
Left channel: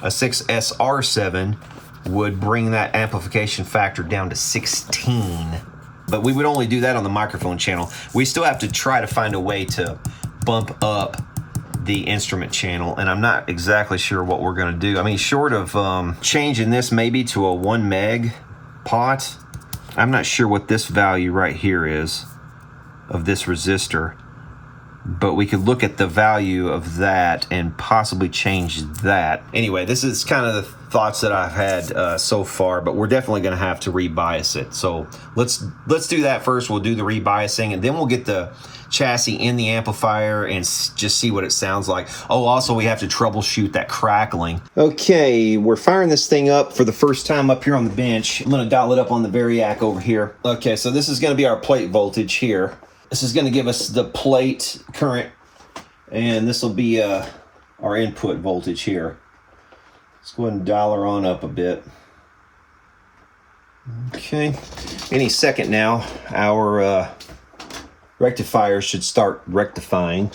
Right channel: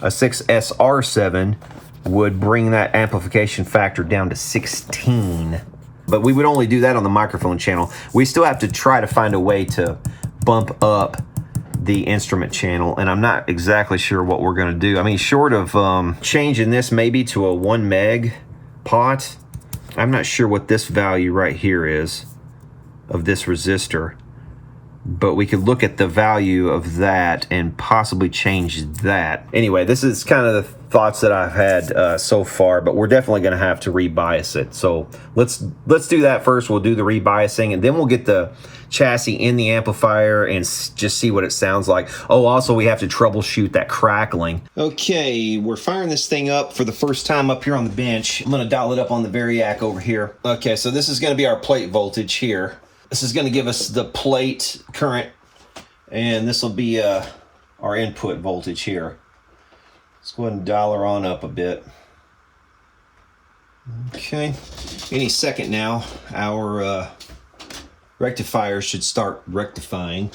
A 6SR7 would bring that amplification factor down to 16. But we would only do that on the microphone channel. We still have to try to find a way to bump up the instrument channel, and I'm not exactly sure what we're going to do. I mean, short of changing this maybe to a 1 meg pot, I'm not sure what this value right here is of this resistor, but we could look at the value of that and possibly change that. Anyway, this is kind of the thoughts that I've had so far, but we're definitely going to have to rebias it. So let's do that first. We'll do the rebiasing, and then we'll get the chassis in the amplifier and just see what it sounds like. Oh, also we have to troubleshoot that crackling. Okay, we're firing this thing up for the first time up here on the bench. I'm going to dial it up on the Variac over here. Okay, so this is going to be our plate voltage here. This is going to give us the plate current, and this will be our input voltage here. Let's go ahead and dial her on up a bit. Okay, any second now, our rectifier should start rectifying,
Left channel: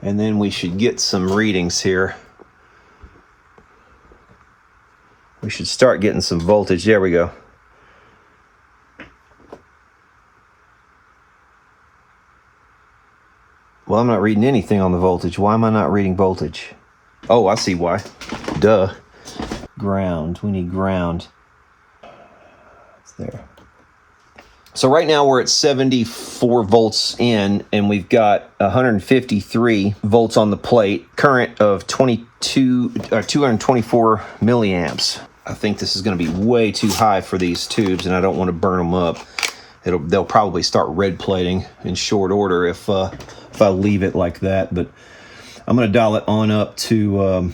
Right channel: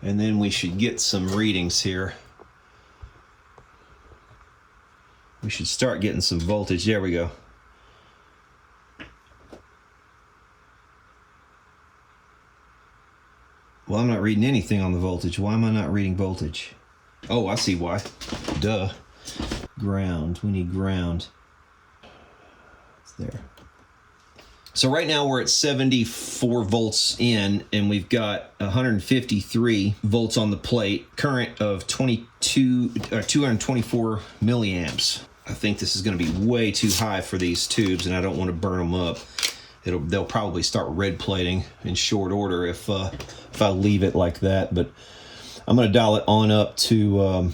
and then we should get some readings here. We should start getting some voltage. There we go. Well, I'm not reading anything on the voltage. Why am I not reading voltage? Oh, I see why. Duh. Ground. We need ground. It's there. So right now we're at 74 volts in, and we've got 153 volts on the plate. Current of 224 milliamps. I think this is going to be way too high for these tubes, and I don't want to burn them up. They'll probably start red plating in short order if I leave it like that. But I'm going to dial it on up to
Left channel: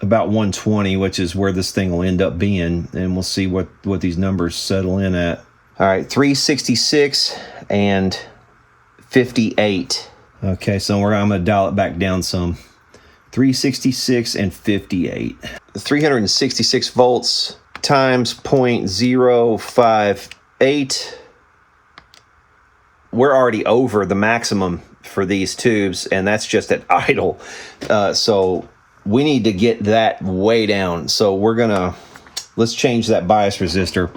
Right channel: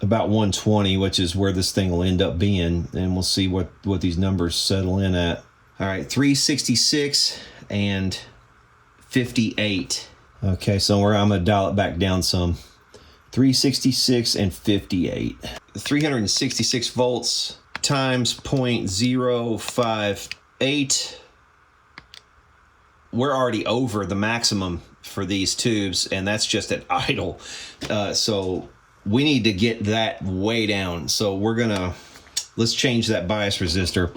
about 120, which is where this thing will end up being, and we'll see what these numbers settle in at. All right, 366 and 58. Okay, so I'm going to dial it back down some. 366 and 58. 366 volts times 0.058. We're already over the maximum for these tubes, and that's just at idle. So we need to get that way down. So let's change that bias resistor.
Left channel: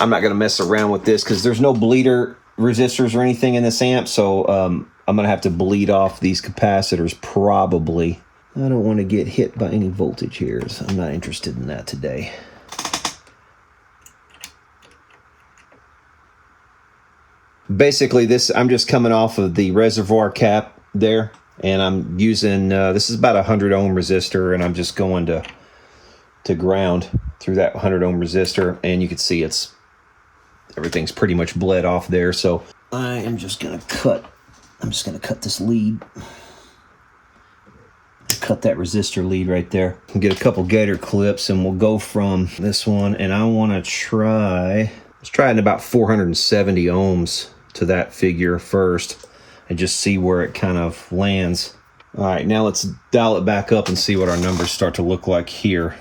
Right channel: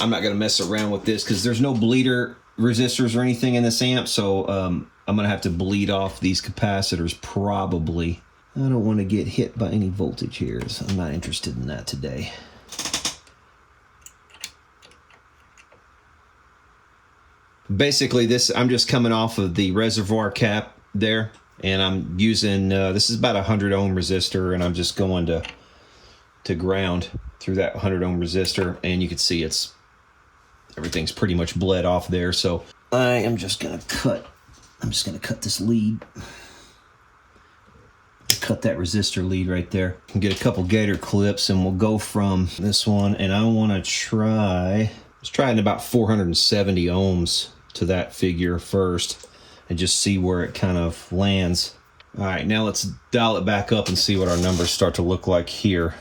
I'm not gonna mess around with this because there's no bleeder resistors or anything in this amp. So I'm gonna have to bleed off these capacitors probably. I don't want to get hit by any voltage here, so I'm not interested in that today. Basically, I'm just coming off of the reservoir cap there, and I'm using, this is about a 100 ohm resistor, and I'm just going to ground through that 100 ohm resistor, and you can see everything's pretty much bled off there. So I am just going to cut this lead. Cut that resistor lead right there. Get a couple gator clips, and we'll go from this one, and I want to let's try it about 470 ohms to that figure first and just see where it kind of lands. All right, now let's dial it back up and see what our numbers start to look like here.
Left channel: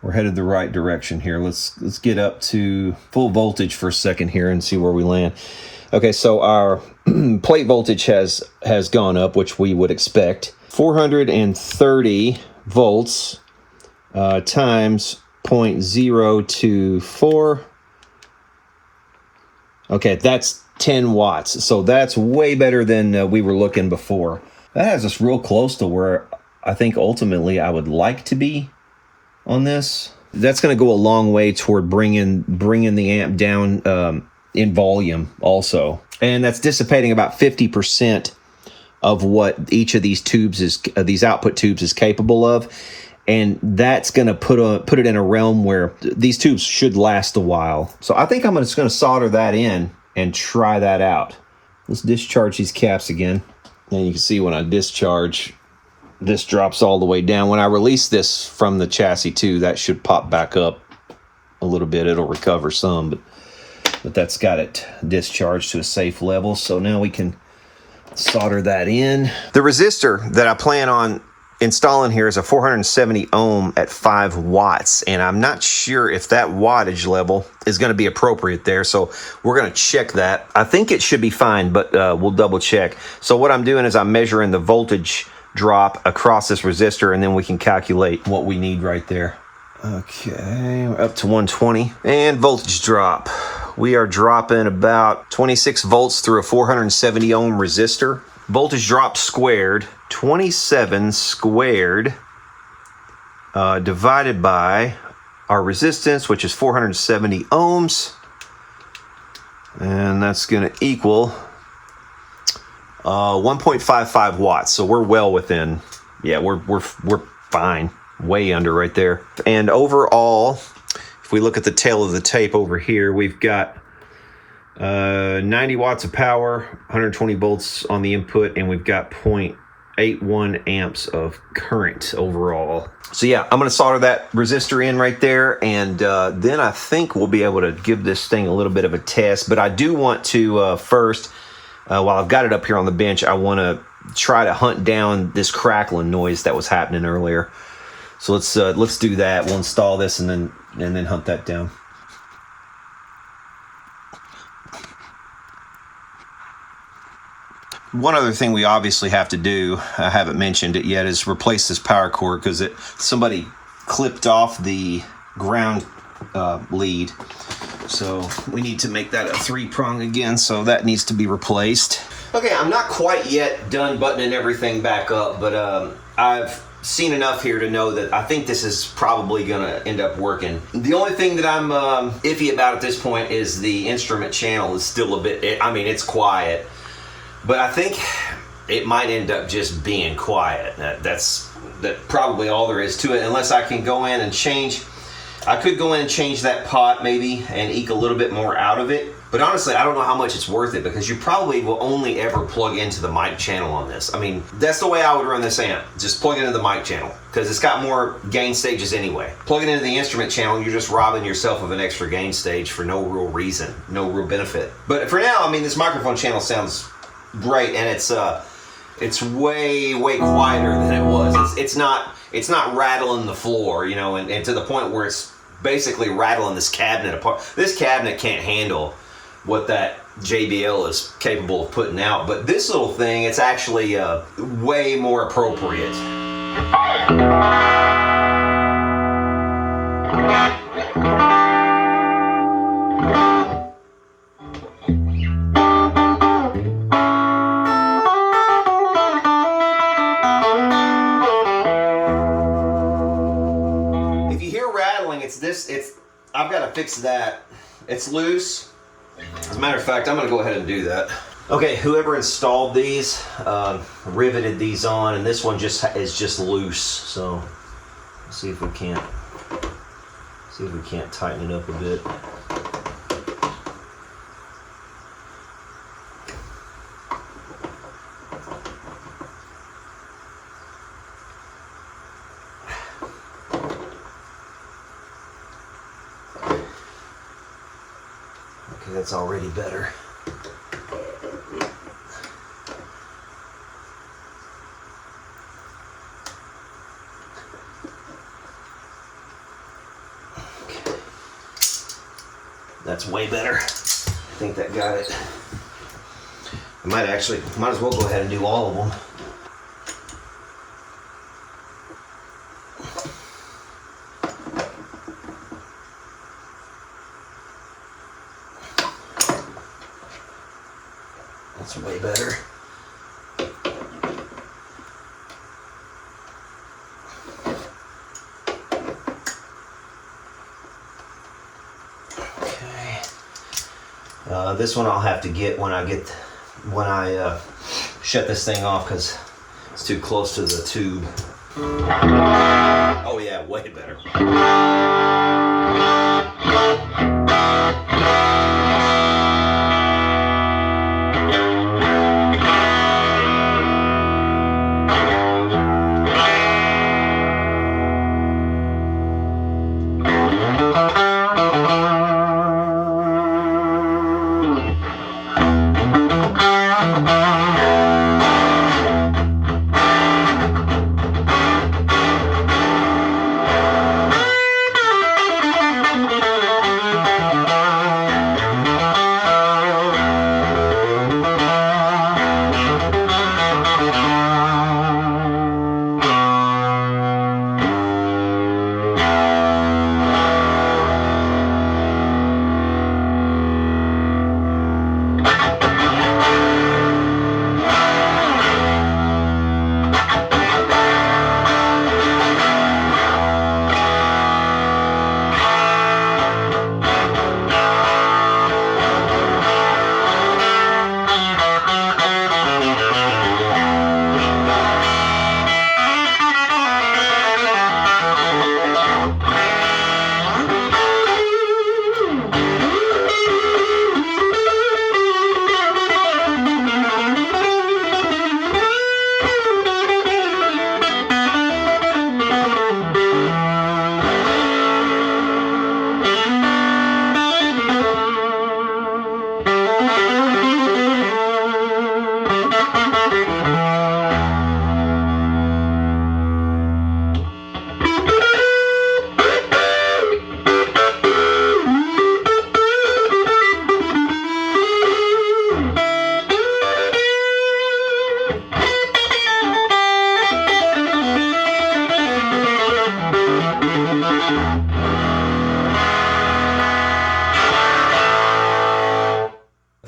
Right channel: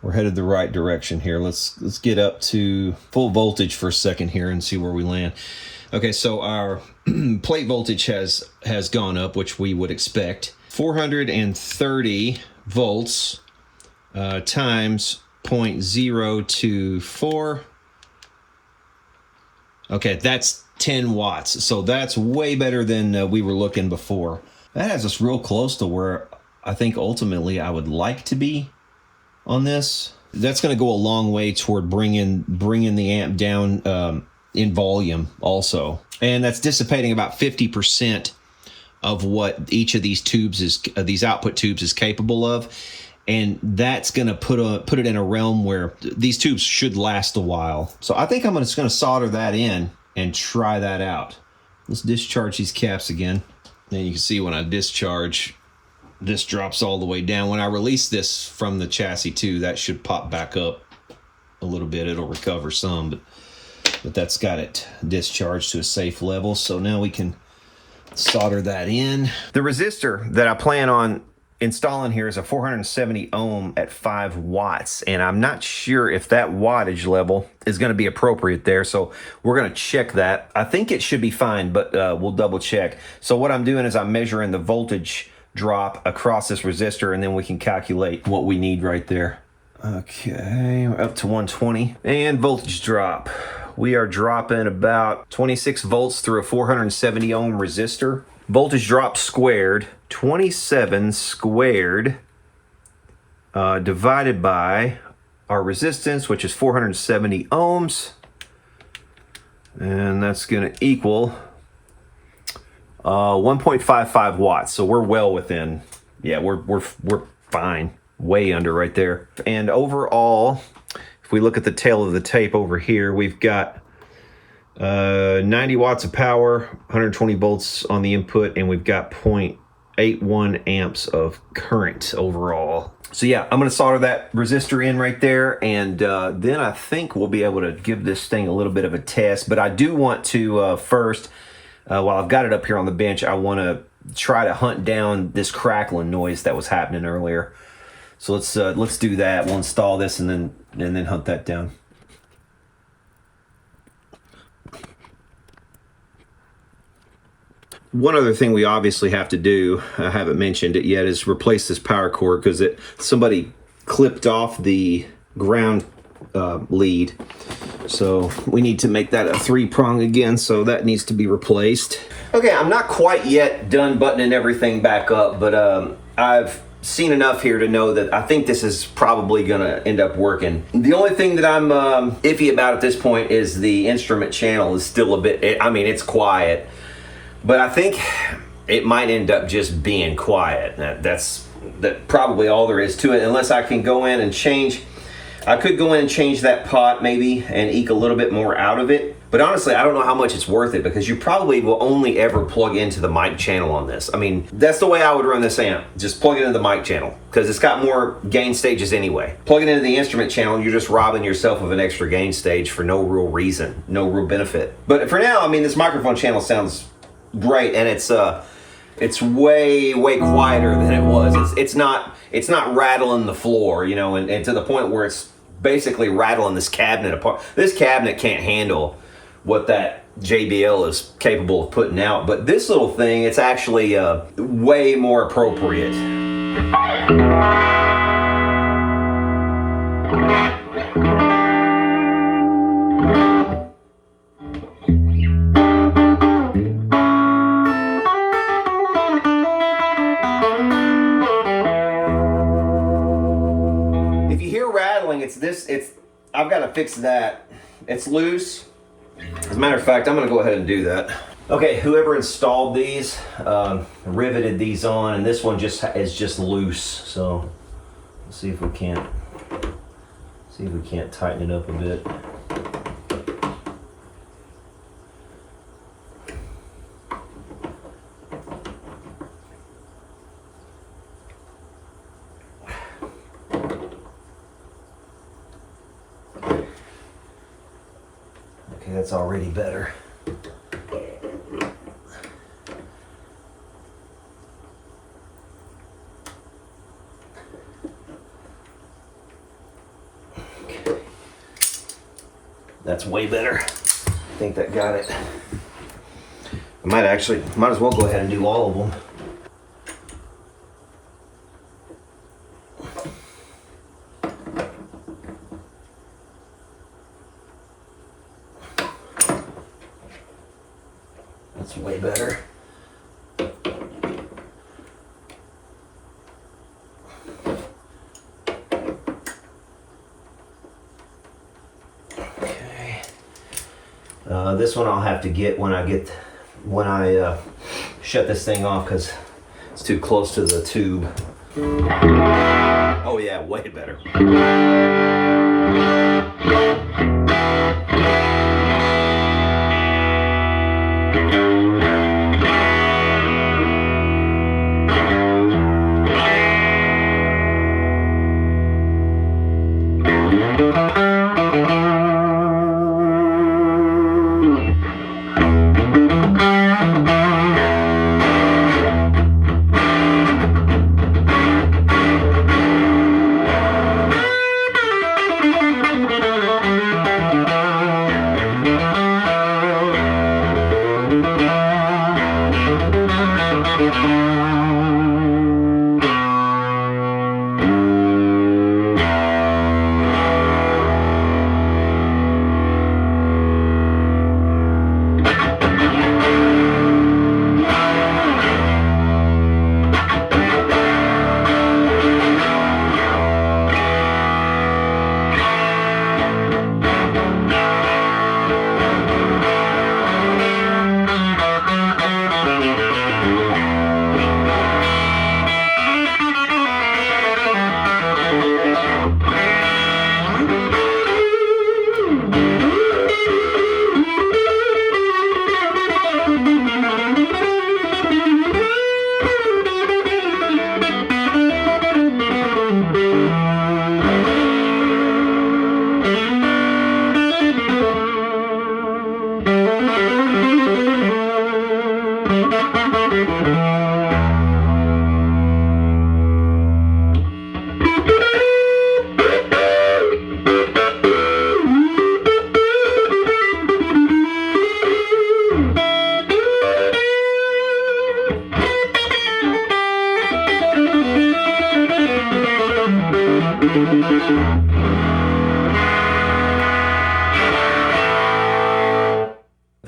We're headed the right direction here. Let's get up to full voltage for a second here and see where we land. Okay, so our plate voltage has gone up, which we would expect. 430 volts times 0.024. Okay, that's 10 watts. So that's way better than we were looking before. That has us real close to where I think ultimately I would like to be on this. That's going to go a long way toward bringing the amp down in volume also. And that's dissipating about 50% of what each of these tubes these output tubes is capable of. And that's going to put it in a realm where these tubes should last a while. So I think I'm just going to solder that in and try that out. Let's discharge these caps again. And you can see when I discharge, this drops all the way down. When I release this from the chassis too, that should pop back up a little bit. It'll recover some, but that's got it discharged to a safe level. So now we can solder that in. The resistor that I plan on installing here is a 470 ohm at 5 watts, and I'm not sure if that wattage level is going to be appropriate there, so we're going to check that. I think it should be fine, but we'll double check. So what I'm doing is I'm measuring the voltage drop across this resistor, and then we can calculate what we need right there. Okay, we're up to 120. And voltage drop. We are dropping about 26 volts through a 470 ohm resistor. Voltage drop squared, 27 squared, divided by our resistance, which is 470 ohms. And that's going to equal 1.55 watts. So we're well within, yeah, we're fine. Way under right there. And overall, if we look at the tail of the tape over here, we've got 90 watts of power, 120 volts on the input, and we've got 0.81 amps of current overall. So yeah, I'm going to solder that resistor in right there, and then I think we'll be able to give this thing a little bit of a test. But I do want to first, while I've got it up here on the bench, I want to try to hunt down this crackling noise that was happening earlier. So let's do that. We'll install this and then hunt that down. One other thing we obviously have to do, I haven't mentioned it yet, is replace this power cord because somebody clipped off the ground lead. So we need to make that a 3-prong again, so that needs to be replaced. Okay, I'm not quite yet done buttoning everything back up, but I've seen enough here to know that I think this is probably gonna end up working. The only thing that I'm iffy about at this point is the instrument channel is still a bit, I mean, it's quiet, but I think it might end up just being quiet. That's probably all there is to it, unless I can go in and change. I could go in and change that pot maybe and eke a little bit more out of it. But honestly, I don't know how much it's worth it, because you probably will only ever plug into the mic channel on this. I mean, that's the way I would run this amp. Just plug it into the mic channel, because it's got more gain stages anyway. Plug it into the instrument channel, you're just robbing yourself of an extra gain stage for no real reason, no real benefit. But for now, I mean, this microphone channel sounds great, and it's way quieter than it was. It's not rattling the floor, you know, and to the point where it's basically rattling this cabinet apart. This cabinet can't handle what that JBL is capable of putting out, but this little thing, it's actually way more appropriate. If you hear rattling, I've got to fix that. It's loose. As a matter of fact, I'm going to go ahead and do that. Okay, whoever installed these, riveted these on, and this one is just loose. So let's see if we can't tighten it up a bit. Okay, that's already better. Okay. That's way better. I think that got it. I might as well go ahead and do all of them. That's way better. Okay. This one I'll have to get when I shut this thing off, because it's too close to the tube. Oh yeah, way better.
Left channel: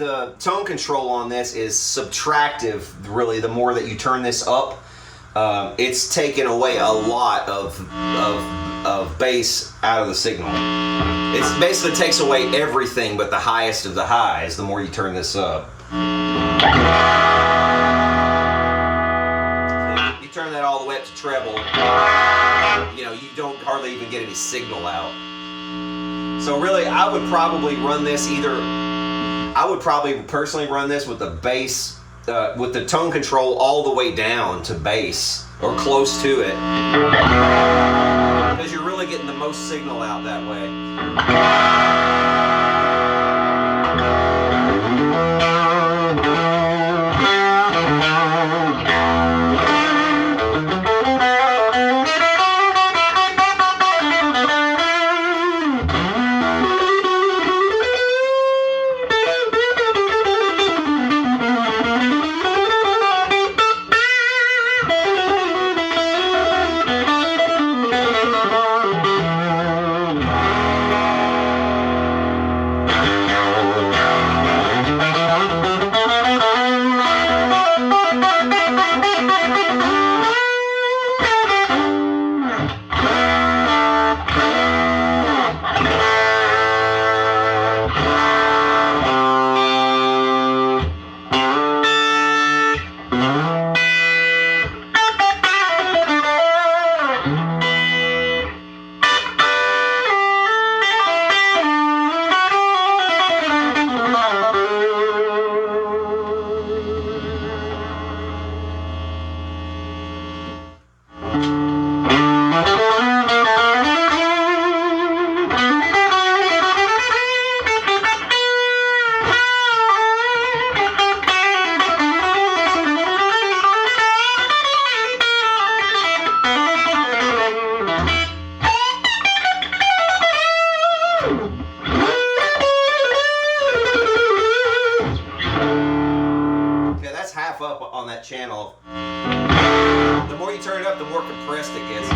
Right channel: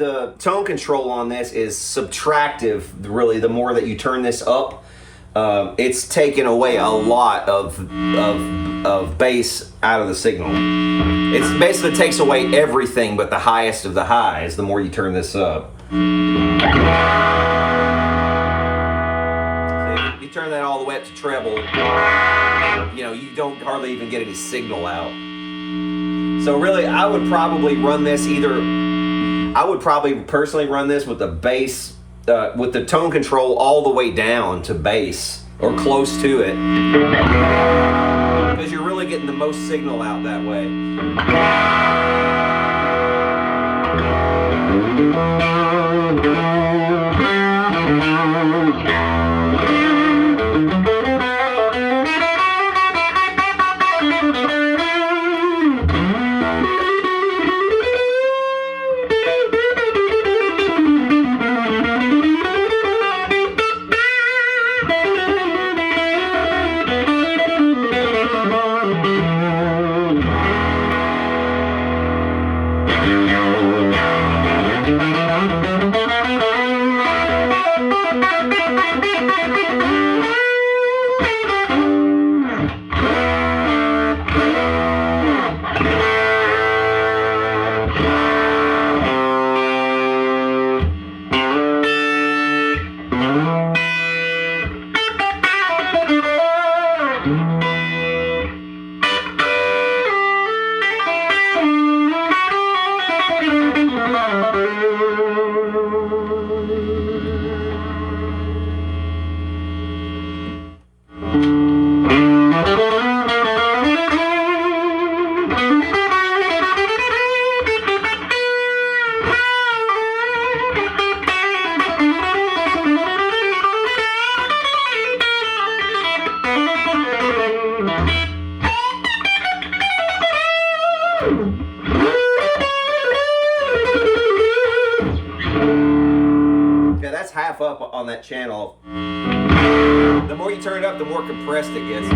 The tone control on this is subtractive, really. The more that you turn this up, it's taken away a lot of bass out of the signal. It basically takes away everything but the highest of the highs the more you turn this up. If you turn that all the way up to treble, you know, you don't hardly even get any signal out. So really, I would probably run this I would probably personally run this with the bass, with the tone control all the way down to bass, or close to it. Because you're really getting the most signal out that way. Yeah, that's half up on that channel. The more you turn it up, the more compressed it gets.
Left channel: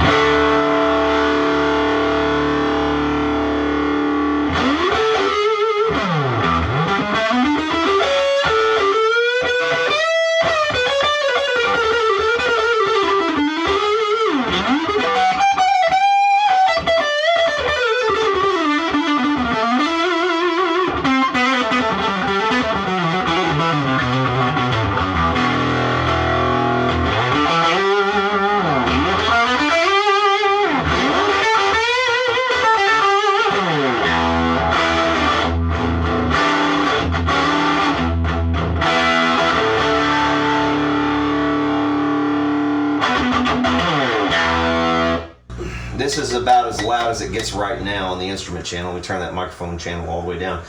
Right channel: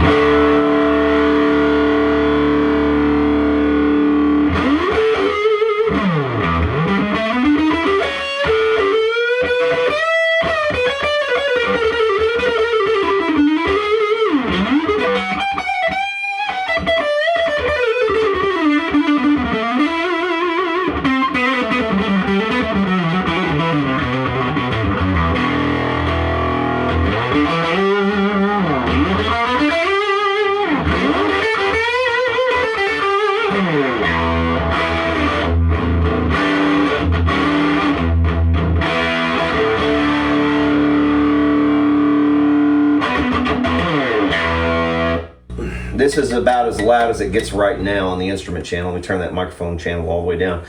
This is about as loud as it gets right now on the instrument channel. Let me turn that microphone channel all the way down.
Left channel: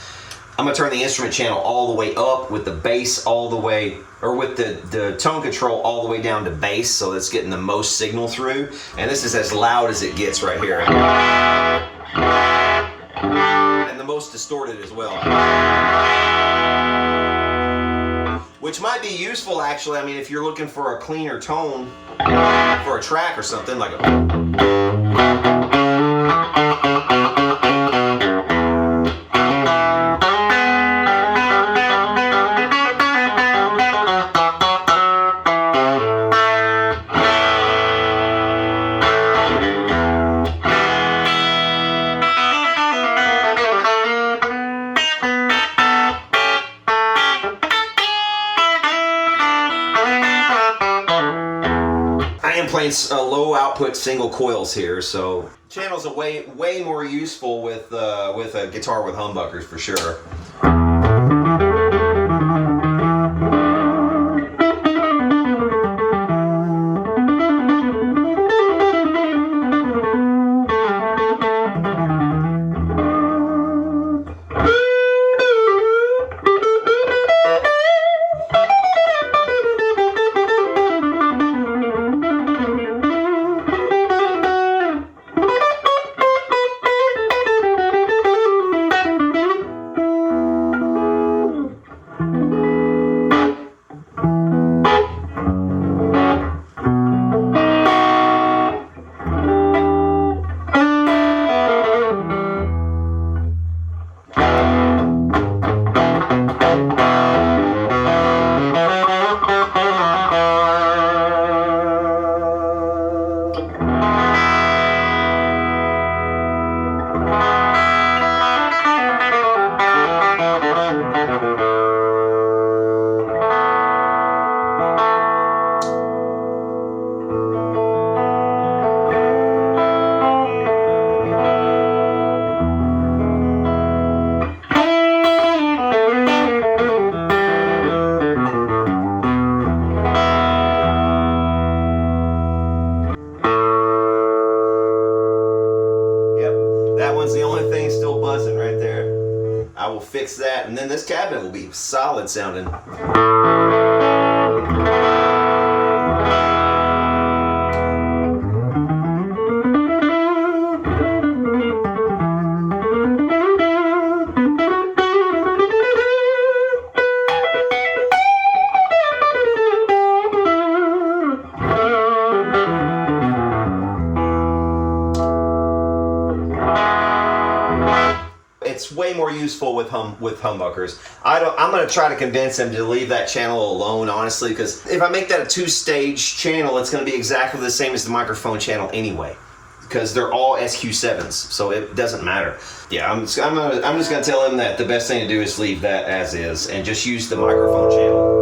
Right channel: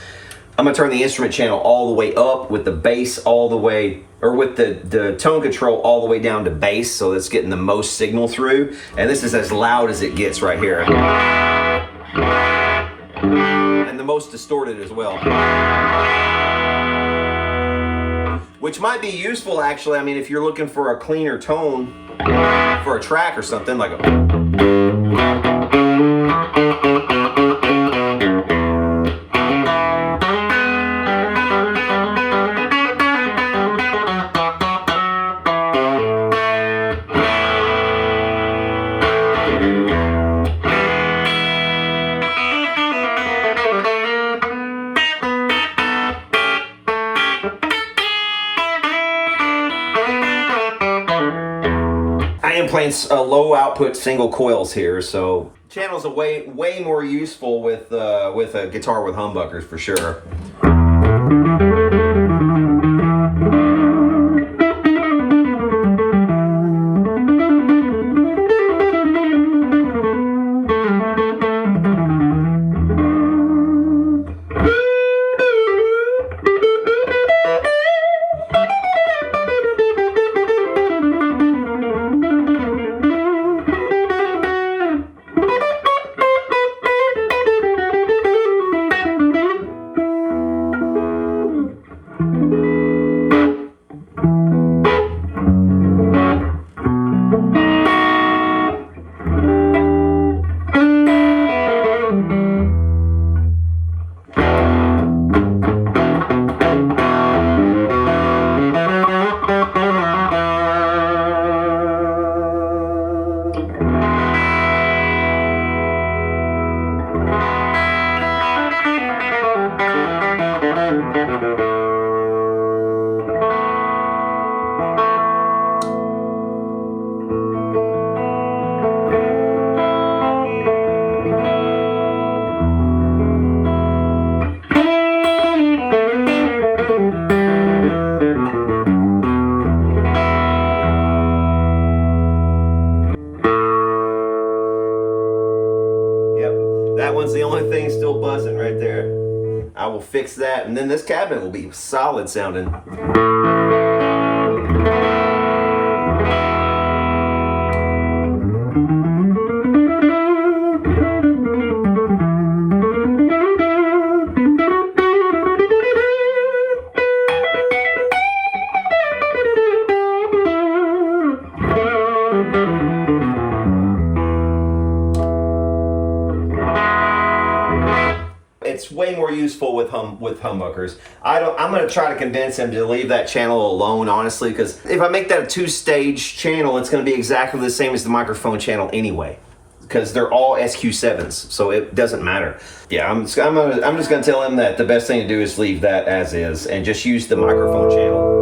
I'm gonna turn the instrument channel all the way up with the bass all the way, or with the tone control all the way down to bass, so it's getting the most signal through. And this is as loud as it gets right here. And the most distorted as well. Which might be useful actually, I mean, if you're looking for a cleaner tone for a track or something, like playing low output single coils here, so channels are way more useful with a guitar with humbuckers for sure. one's the only thing still buzzing right there. I will fix that, and then this cabinet will be solid sounding. It's way more useful with humbuckers. I'm going to try to convince them to leave that channel alone, honestly, because if I make that a two-stage channel, it's going to be exactly the same as the microphone channel anyway, because they're all SQ7s, so it doesn't matter. Yeah, I'm just going to tell them that the best thing to do is leave that as is and just use the microphone channel.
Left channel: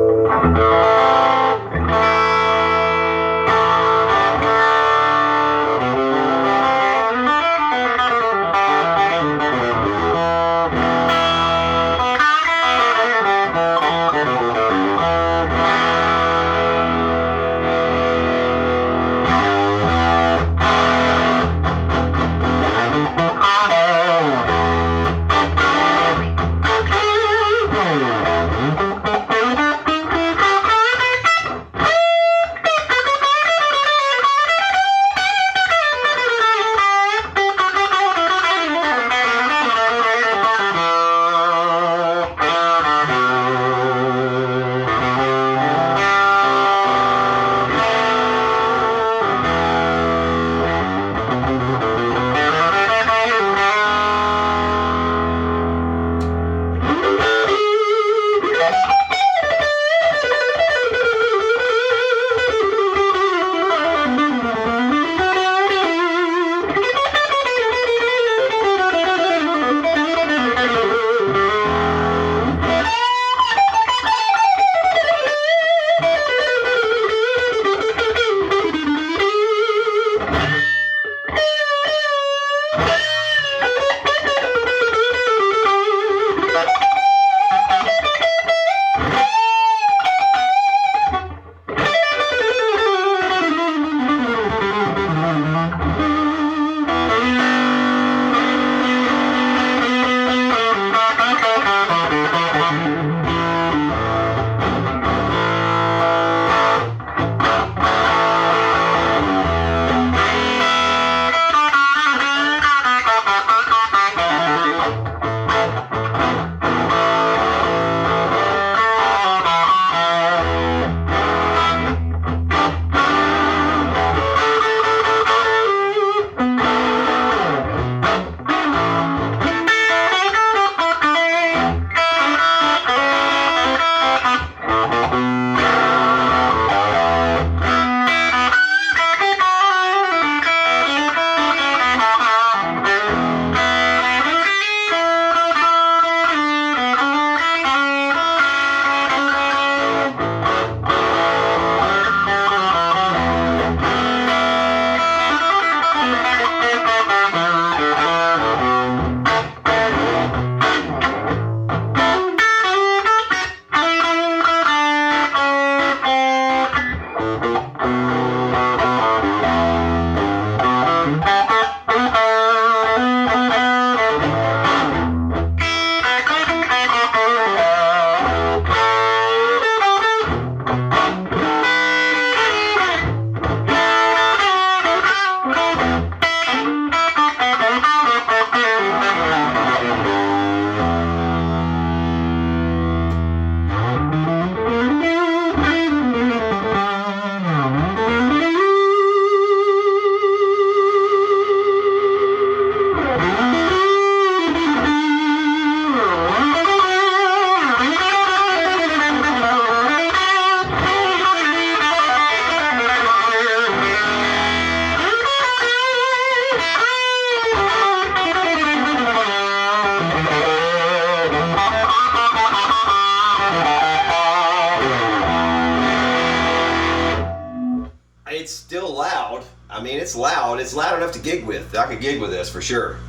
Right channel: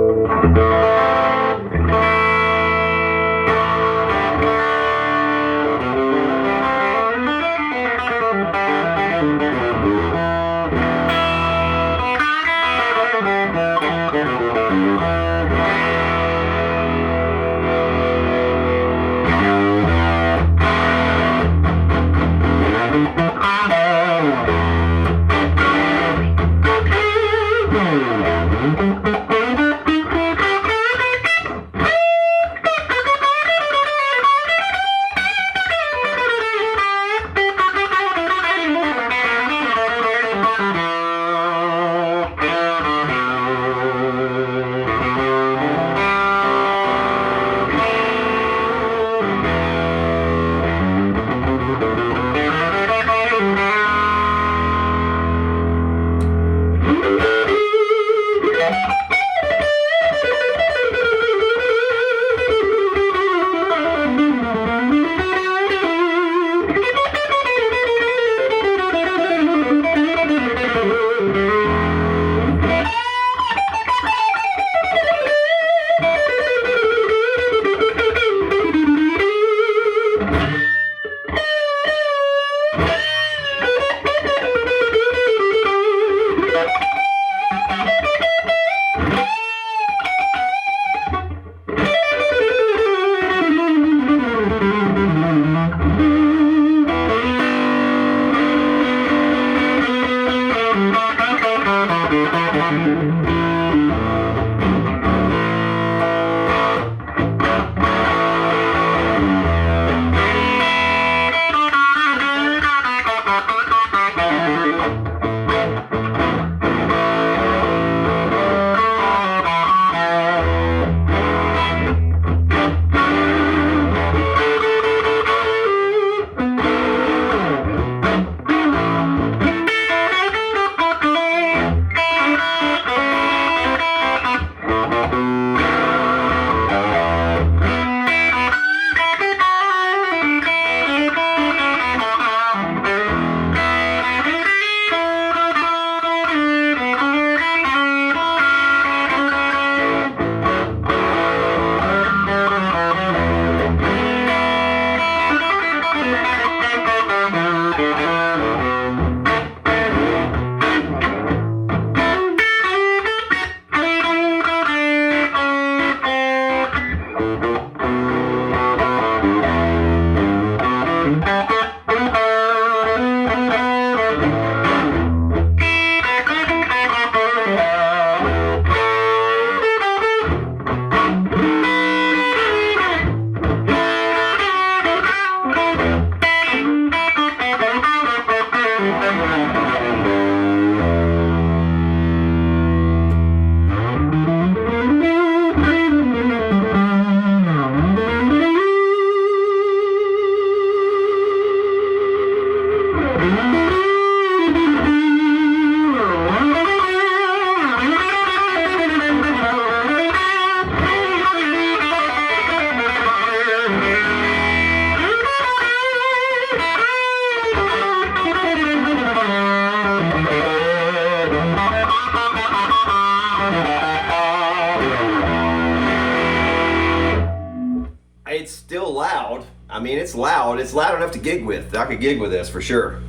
It's still loud. I mean, it's loud. It's loud enough to gig with. I could gig with this for sure.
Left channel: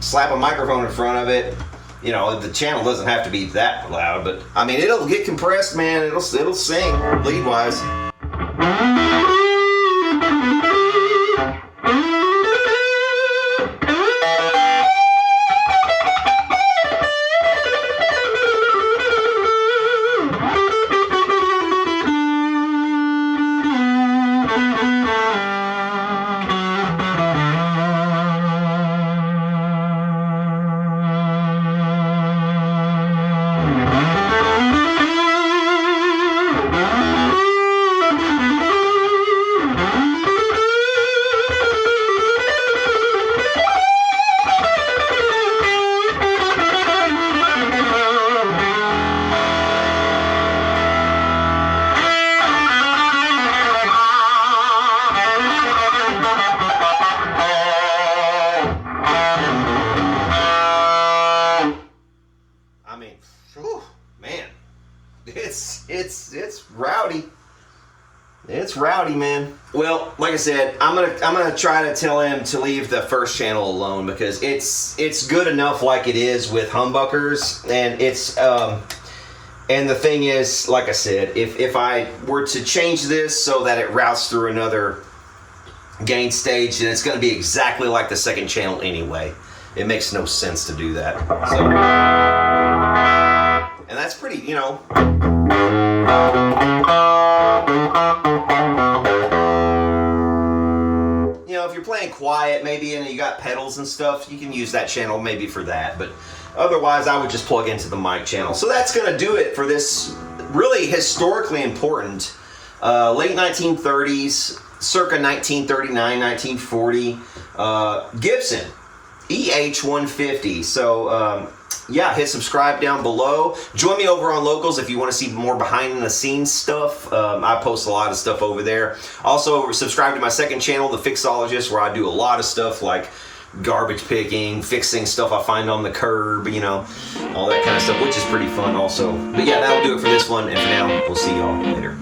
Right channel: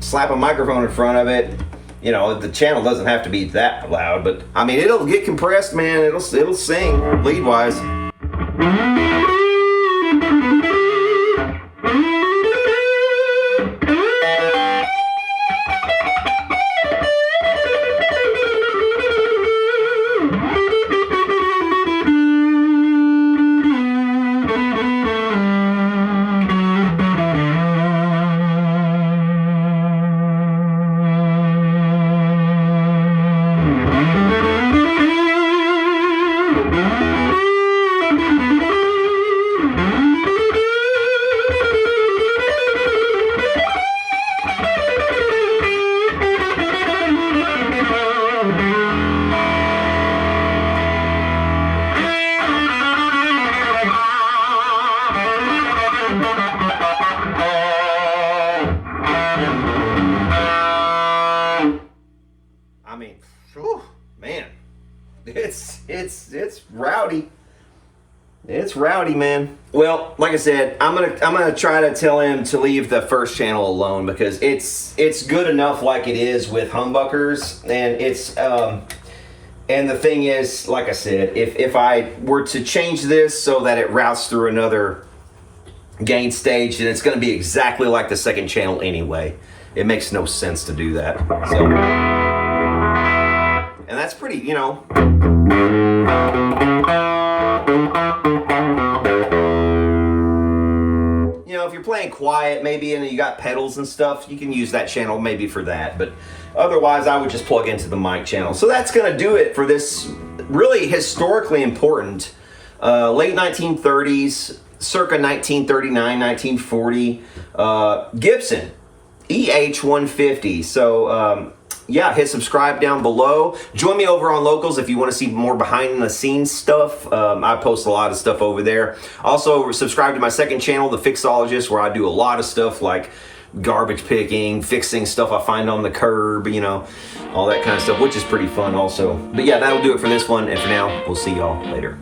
Slap a microphone in front of it. You know, the channel doesn't have to be that loud, but I mean, it'll get compressed, man. It'll sing lead wise. it's rowdy. It's rowdy, man. Well, like I said, I'm gonna try to tell him to leave the first channel alone because it's good enough like it is with humbuckers, and it's and the thing is, like I said, if I were to change this so that it routes through another gain stage, then it's going to be exactly like the second channel anyway. It makes no sense to do that. So, and that's pretty, you know. You know, if you're playing quiet maybe and you got pedals and stuff, you can use that channel maybe for that. But otherwise, I would just plug into the mic channel. So that's going to do it for this really historically important late 1930s, circa 1939, 1940 Gibson EH-150. So yeah, hit subscribe down below. Join me over on Locals if you want to see more behind the scenes stuff. I post a lot of stuff over there. Also, subscribe to my second channel, The Fixologist, where I do a lot of stuff like garbage picking, fixing stuff I find on the curb, you know, all that kind of stuff, which is pretty fun also. But yeah, that'll do it for this one, and for now, we'll see y'all later.